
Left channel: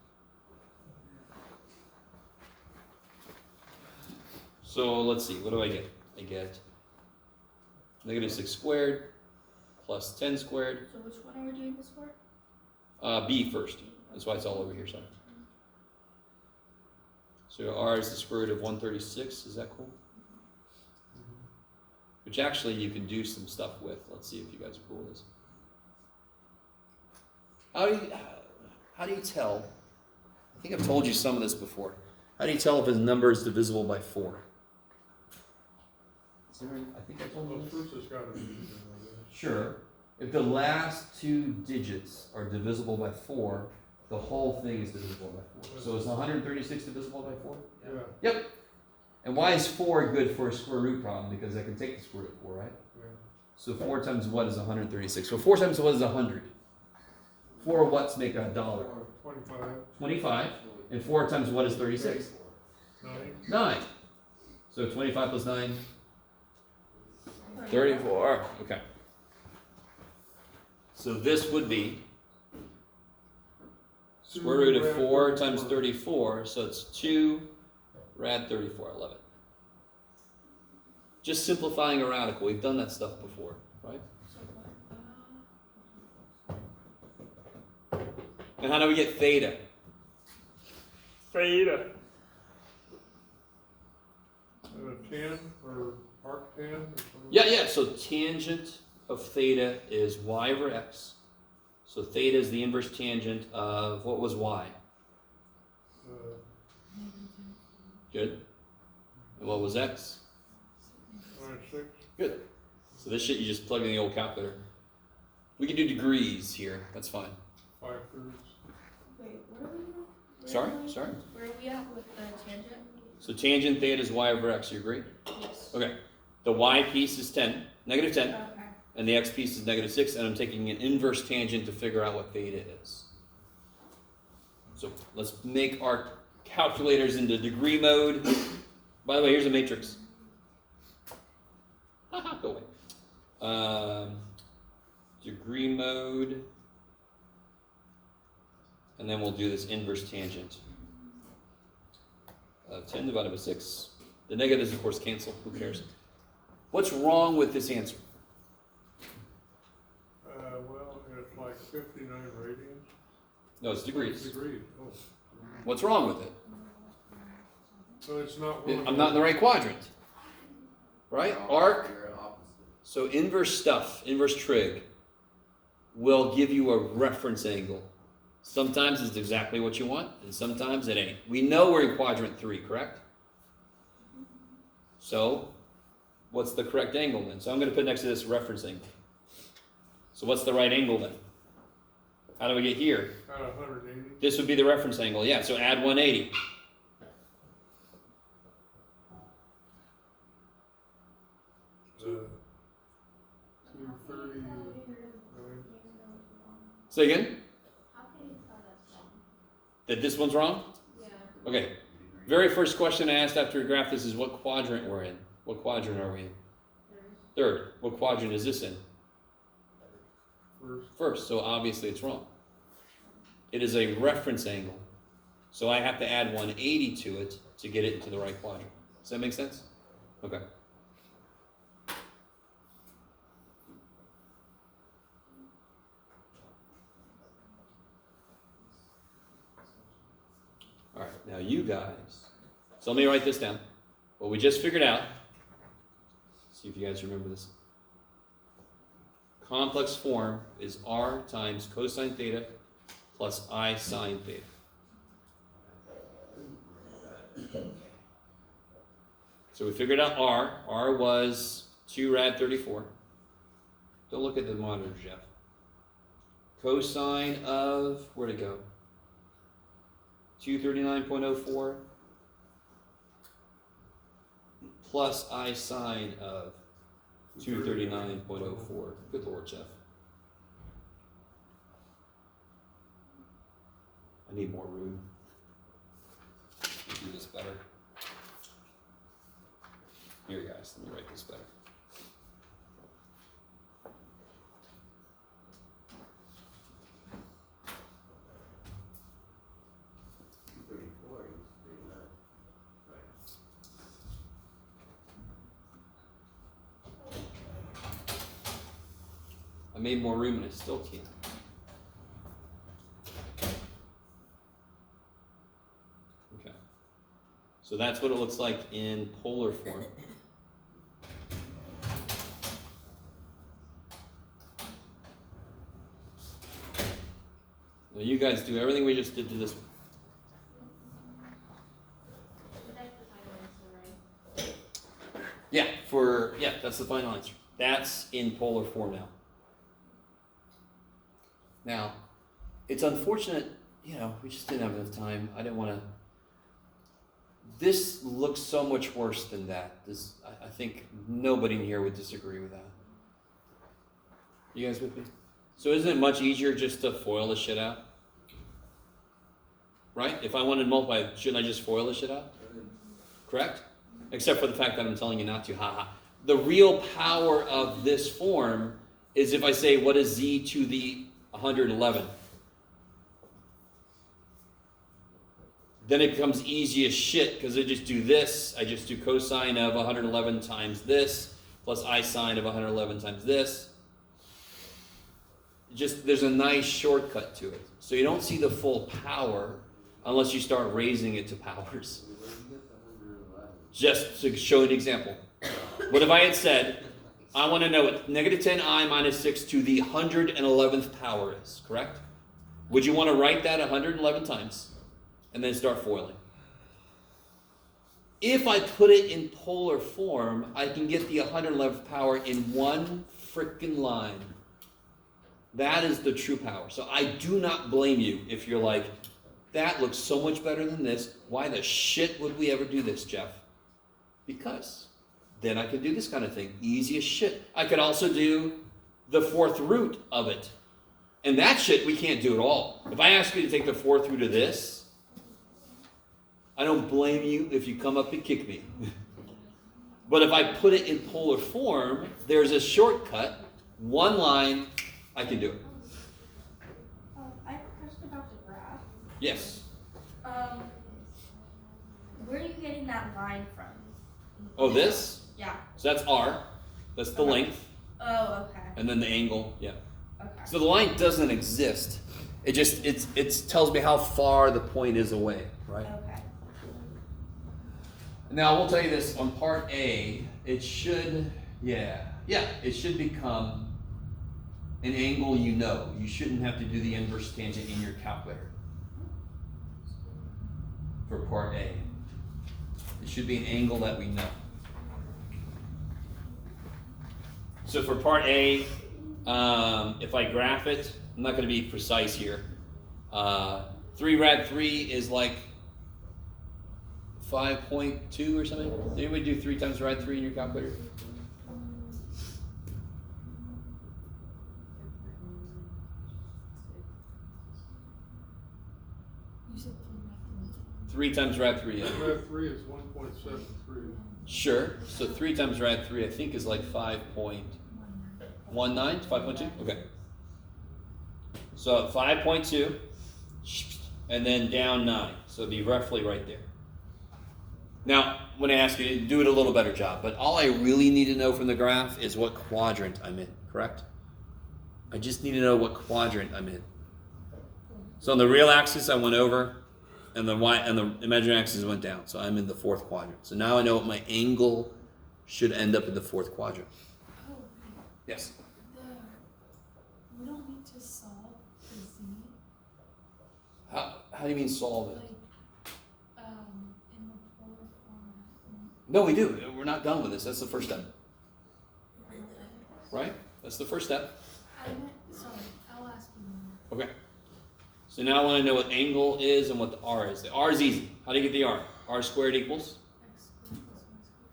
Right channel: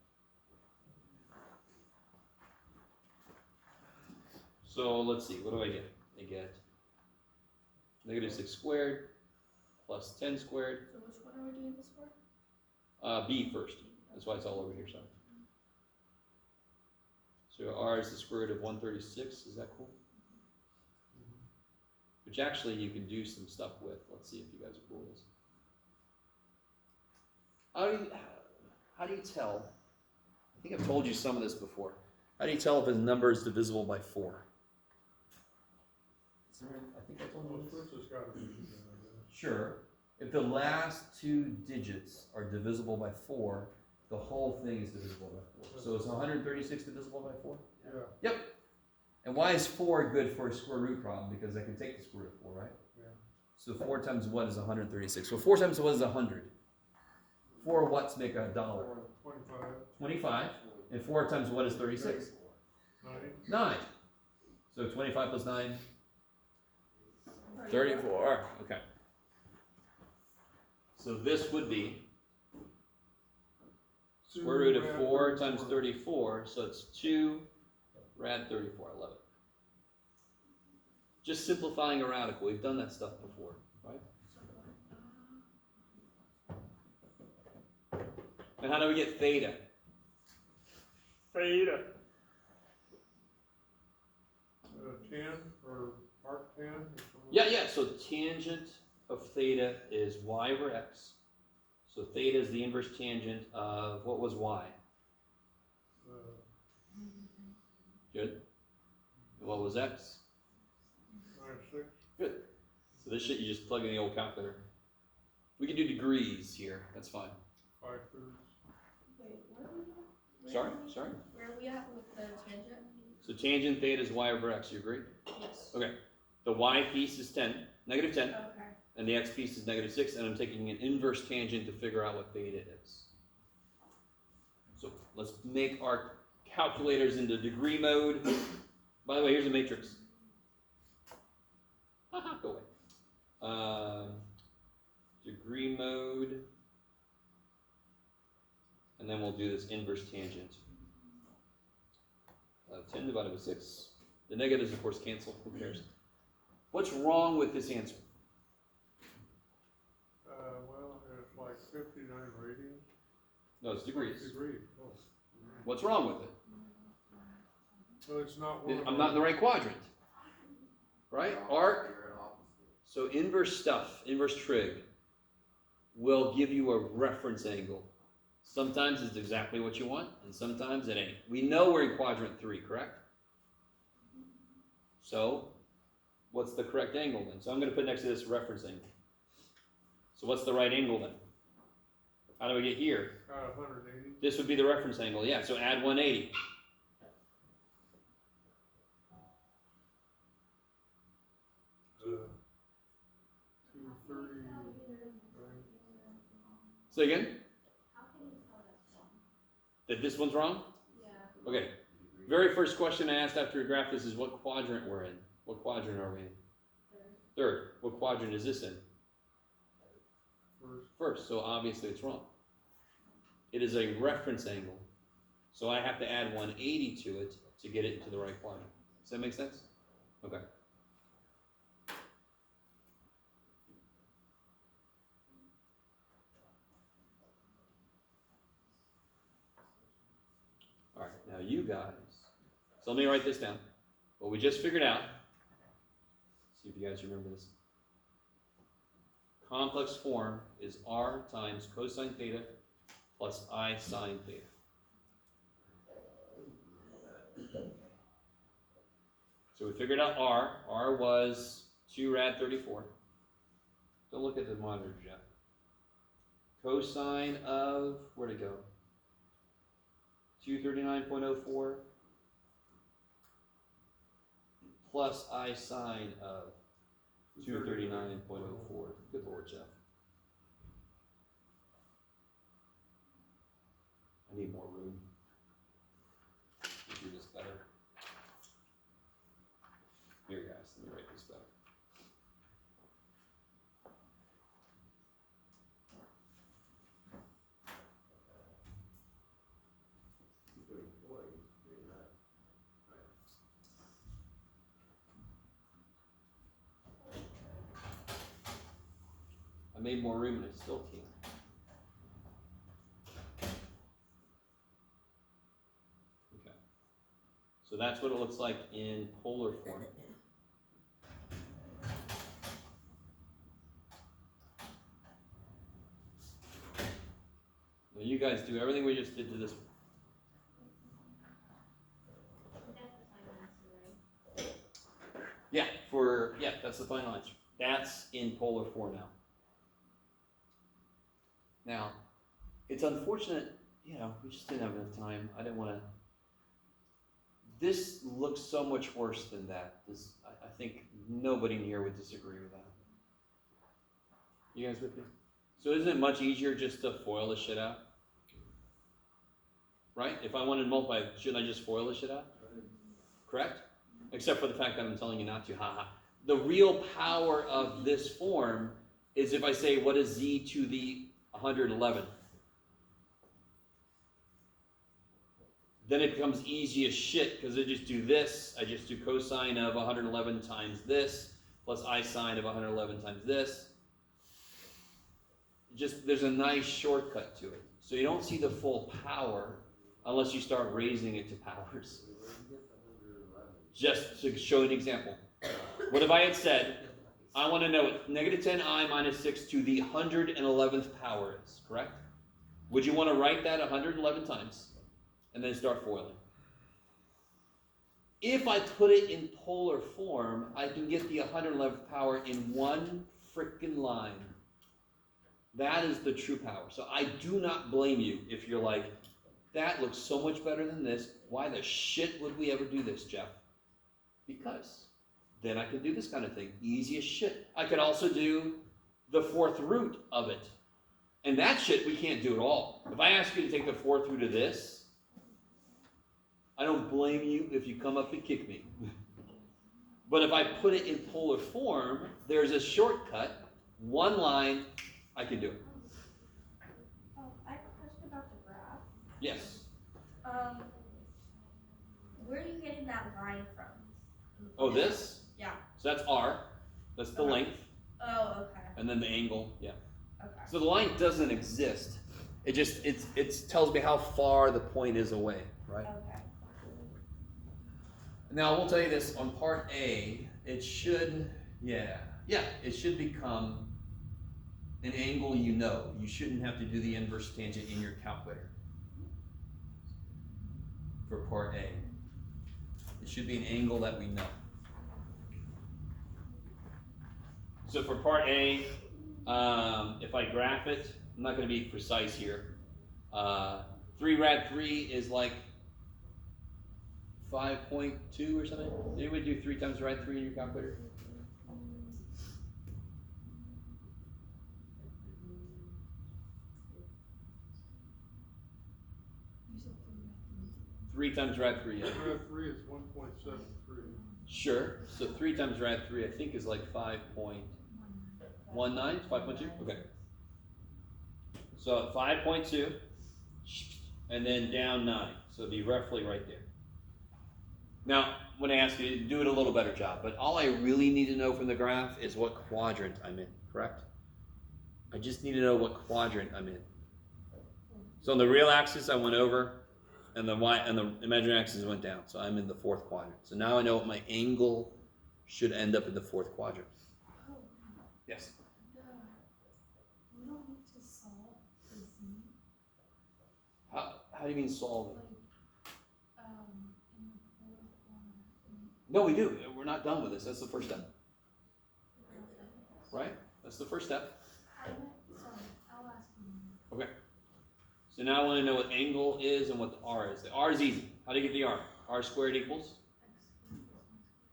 So let's see, what do I get? I get -6 squared plus 10 squared. So which one are we doing this for? B first. That's why it's all over here, sorry. So R is the square root of 136. Is that cool? Which actually you can do some stuff with. Let's see if you guys are cool with this. How do you tell? I think I've told you some of this before. How do you tell if a number is divisible by 4? I think I told you Well, this. first it's gotta be. Sure. If the last 2 digits are divisible by 4, the whole thing is divisible by 4. So is 136 divisible by 4? Yeah. Yep. And why is 4 good for a square root problem? Because I can take the square root of 4, right? Yeah. So 4 times what is 136? So 4 times what is 100? 4 what's make $1? 25. 25. And 4 times what is 36? 9. 9. So 25 plus 9? 34. Okay. So this would be square root of 4 times 34, so it's 2 rad 34. I love it. Just simplifying a radical. We've done that stuff before, right? And how do we get theta? Theta. Tan or arctan or something? Yeah. So tangent of theta is y over x. So theta is the inverse tangent of what was y? Good. And what was x? 6. Good. So this shit you just plug in the old calculator. We can do degrees here. That's fine. 5/3. Wait, what are we doing? Sorry. Where are we at with the tangent? So tangent theta is y over x. You agree? Yes. Okay. The y piece is 10, negative 10, Okay. and the x piece is -6, and I'm taking an inverse tangent to figure out what theta is. So let's make our calculators into degree mode. By the way, here's a matrix. Go away. Degree mode. And then we'll do this inverse tangent. 10 divided by 6. The negatives, of course, cancel. Who cares? What's wrong with this answer? Well, it's like 59 radians. No, it's degrees. Degrees, oh. What's wrong with it? So it's not one of I'm not in the right quadrant. Right? Arc. You're opposite. So inverse stuff, inverse trig, will give you a reference angle. Sometimes it's exactly what you want, and sometimes it ain't. We know we're in quadrant 3, correct? So, what's the correct angle then? So I'm going to put next to this reference angle. So what's the right angle then? How do we get here? Got 180. This would be the reference angle, yeah, so add 180. Uh, 230. Say again? How can you tell that's wrong? That this one's wrong? Yeah. Okay. Very first question I asked after we graphed this is what quadrant we're in. What quadrant are we in? Third. What quadrant is this in? First, so obviously it's wrong. It is a reference angle. So I have to add 180 to it to get it into the right quadrant. Does that make sense? Okay. All right, now you guys, so let me write this down. What we just figured out, see if you guys remember this. Complex form is r times cosine theta plus I sine theta. So we figured out r. R was 2 rad 34. Don't look at the monitor, Jeff. Cosine of, where'd it go? 239.04 plus I sine of 239.04. Good Lord, Jeff. I need more room to do this better. Here, guys, let me write this better. I made more room and I still can't. Okay. So that's what it looks like in polar form. Now you guys do everything we just did to this one. But that's the final answer, right? Yeah, that's the final answer. That's in polar form now. Now, it's unfortunate, we just didn't have enough time. I didn't want to. This looks so much worse than that. I think nobody in here would disagree with that. You guys with me? So isn't it much easier just to FOIL the shit out? Right? If I wanted to multiply, shouldn't I just FOIL the shit out? Correct? Except for the fact that I'm telling you not to. Haha. The real power of this form is if I say, what is z to the 111? Then it becomes easy as shit because I just do this. I just do cosine of 111 times this plus I sine of 111 times this. Just there's a nice shortcut to it. So you don't see the full power unless you start raising it to powers. Just to show an example. What if I had said, I want to know what negative 10i minus 6 to the 111th power is, correct? Would you want to write that 111 times and then start foiling? If I put it in polar form, I can get the 111th power in one frickin' line. That is the true power. So I do not blame you if you're like, that looks so much better than this. Why the shit would we ever do this, Jeff? Because then I could do this kind of thing. Easy as shit. I could also do the fourth root of it. And that shit we can't do at all. If I ask you to take the fourth root of this, I don't blame you if you come up and kick me. But if I put it in polar form, there's a shortcut, one line, I can do it. I have a question about the graph. Yes. Where are you getting that line from? Oh, this? Yeah. So that's R. That's the Okay. length. Oh, okay. And then the angle, yeah. Okay. So the line doesn't exist. It just, it tells me how far the point is away, right? Okay. Now, I will tell you this, on part A, it should, it should become an angle you know. You shouldn't have to do the inverse tangent in your calculator for part A. It should be an angle that we know. So for part A, if I graph it, I'm not going to be precise here. 3 rad 3 is like 5.2 or something. Anybody do 3 times rad 3 in your calculator? You said 3 times rad 3. Yeah. Rad 3 is 1.73. Sure. So 3 times rad 3, I think, is like 5.19, 5.2? Okay. So 5.2, and then down 9. So it'd be roughly right there. Now, when I ask you to do it a little better job, but all I really need to know from the graph is what quadrant I'm in, correct? I just need to know what quadrant I'm in. So on the real axis, I went over, and the imaginary axis went down. So I'm in the 4th quadrant. So now I know what my angle should end up in the 4th quadrant. Oh, Yes. we don't need to solve the z, How do you mean solve it? like, in the polar form. No, we do. We're not done with this. That's the first step. Right? That's the first step. Sorry, I'll ask you more. Okay. So now I want to know what angle is and what the R is. The R is easy. How do you get the R? R squared equals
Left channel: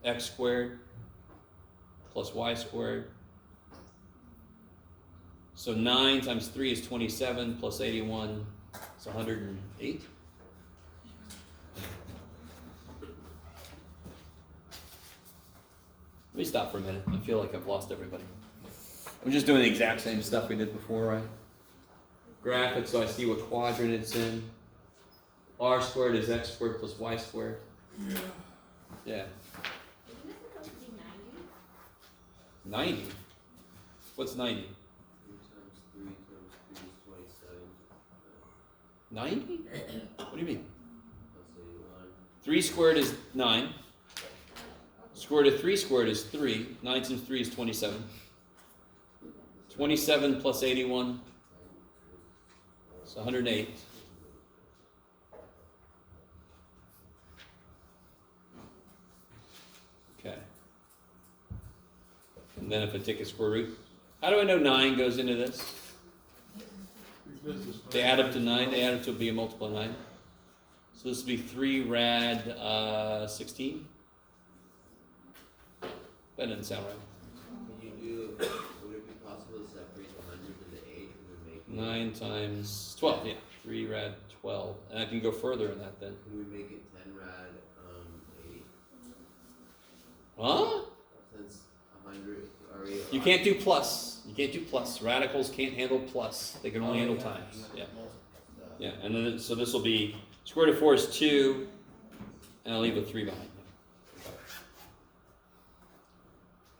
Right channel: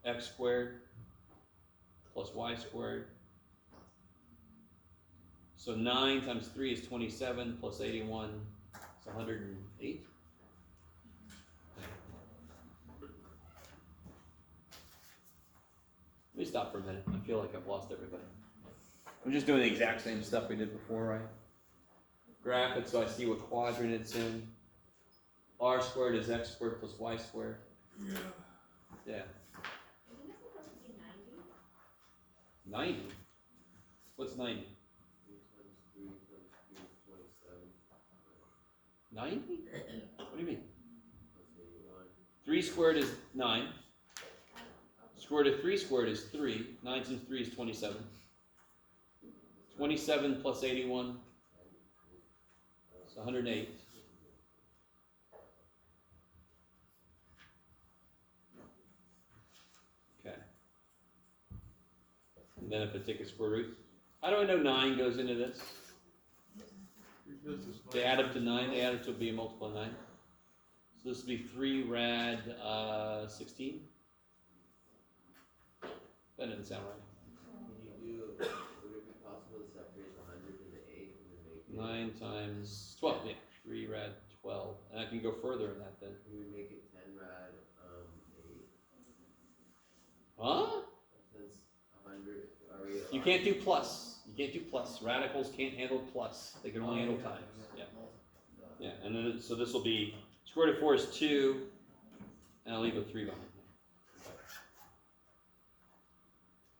X squared plus y x squared plus y squared. squared. So 9 times 3 is 27 plus 81 is 108. Let me stop for a minute. I feel like I've lost everybody. I'm just doing the exact same stuff we did before, right? Graph it so I see what quadrant it's in. R squared is x squared plus y squared. Yeah. Yeah. Isn't this supposed to be 90? What's 90? 3 times 3 times 3 is 27. 90? What do you mean? Plus 81. 3 squared is 9. Square root of 3 squared is 3. 9 times 3 is 27. 27 plus 81 is 108. Okay. And then if I take a square root, how do I know 9 goes into this? Because it's They add up to 9, they add up to be a multiple of 9. So this would be 3 rad 16. That doesn't sound right. Would it be possible to separate the 100 into 8 and then make 9 times 12, yeah. 3 rad 12. And I can go further in that then. Can we make it 10 rad 8? Huh? Since 100 already. You can't do plus. You can't do plus. Radicals can't handle plus. They can only handle times. Yeah. Yeah. And then so this will be square root of 4 is 2, and I'll leave a 3 behind.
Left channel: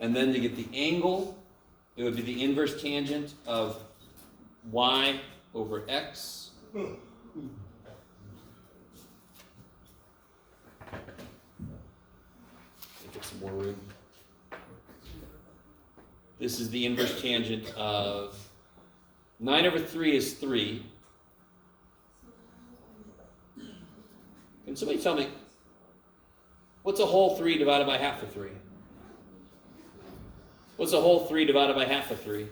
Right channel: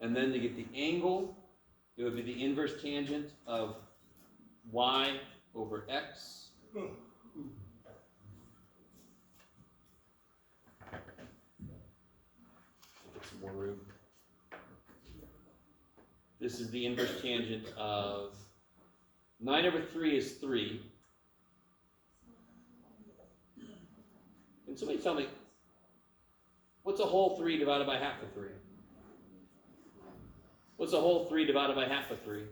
And then to get the angle, it would be the inverse tangent of y over x. Get some more room. This is the inverse tangent of 9 over 3 is 3. Can somebody tell me, what's a whole 3 divided by half of 3? What's a whole 3 divided by half of 3?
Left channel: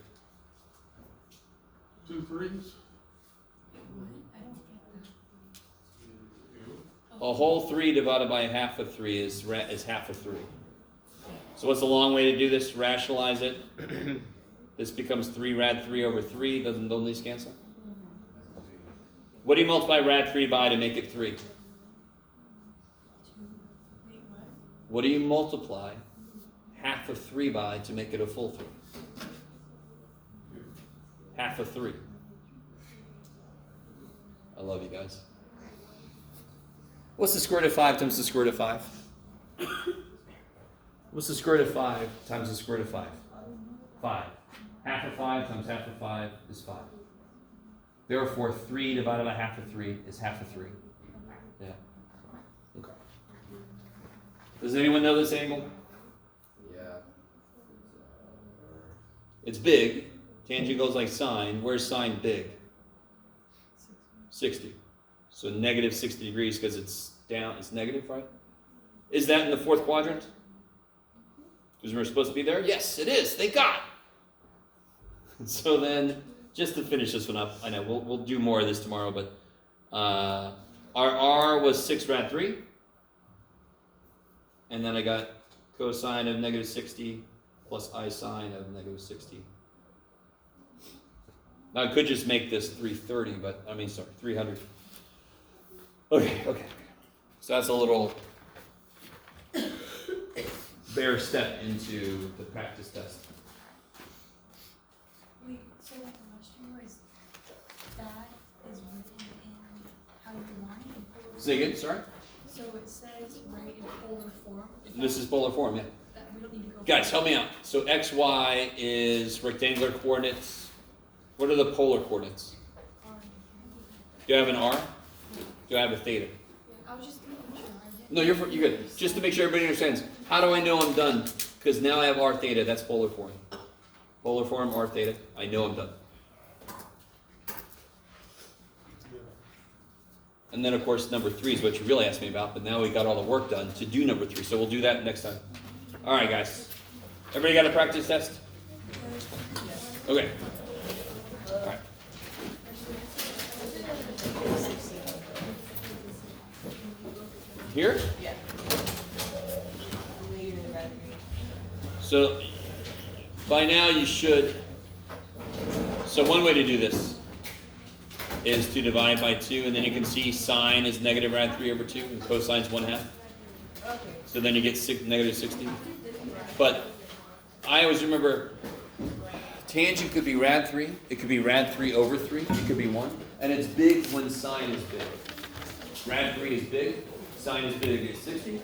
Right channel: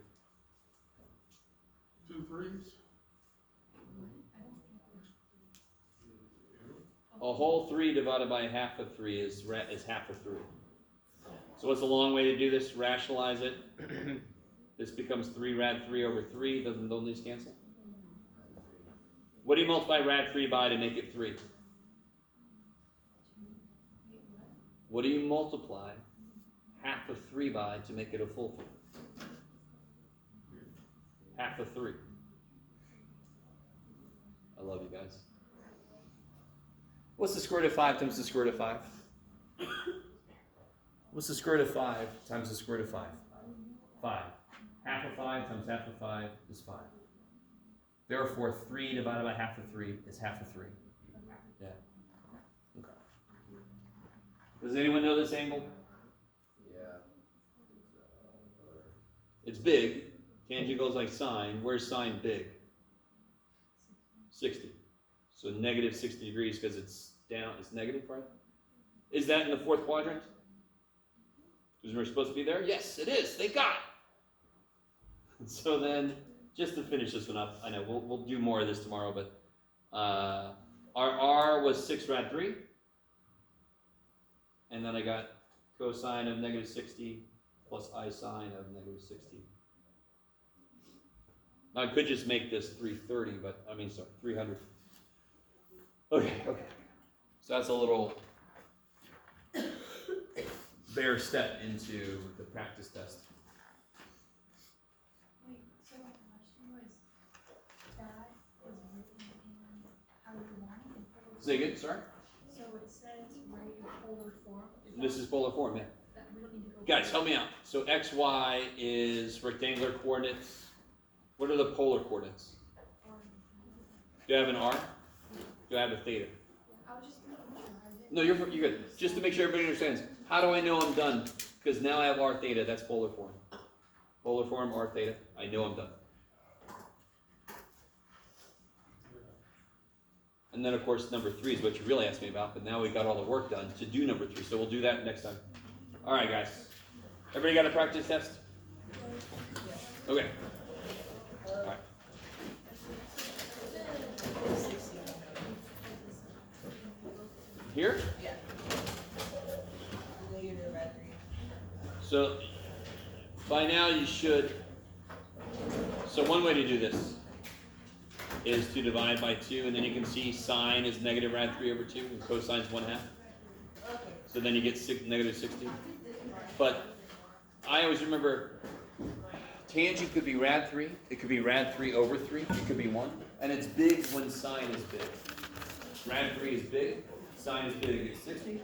2 3s. A whole 3 divided by half of 3 is half of 3. So what's the long way to do this? Rationalize it. This becomes 3 rad 3 over 3. Don't these cancel? What do you multiply rad 3 by to make it 3? What do you multiply half of 3 by to make it a full 3? Half of 3. I love you guys. What's the square root of 5 times the square root of 5? What's the square root of 5 times the square root of 5? 5. Half of 5 times half of 5 is 5. Therefore, 3 divided by half of 3 is half of 3. Yeah. Okay. Does anyone know this angle? Yeah. It's big. Tangent goes like sine. Where's sine big? 60. So negative 60 degrees because it's down. It's negative, right? Is that in the fourth quadrant? Is we're supposed to be there? Yes, it is. Thank God. So then, just to finish this one up, I know we'll do more of this tomorrow, but our r was 6 rad 3. And then I got cosine of negative 60 plus I sine of negative 60. Now I could just make this 330, but 300. Okay. So that's a little bare step into the practice test. Wait, so like the question was, that is written in how you want it in polar Say form? again, sorry? So it says right in polar form. This is polar form, yeah. That we don't need to go. Guys, help me out. So xy is rectangular coordinates. What are the polar coordinates? Do I have an r? Do I have a theta? I was just making sure I didn't. No, you're good. Just to make sure everybody understands. How do I know I'm done? Because now I have r theta. That's polar form. Polar form, r theta. I know I'm done. And then, of course, number 3 is what you really asked me about. But now we got all the work done to do number 3. So we'll do that next time. All right, guys. Everybody got a practice test? Okay. All right. Here? Yeah. Later red green. So by now you should. So one way to do this is to divide by 2, and then you can see sine is negative rad 3 over 2, and cosine is 1/2. Okay. So then you get negative 60. But I always remember tangent could be rad 3, it could be rad 3 over 3, it could be 1, and it's big when sine is big. Rad 3 is big, sine is big, it's 60.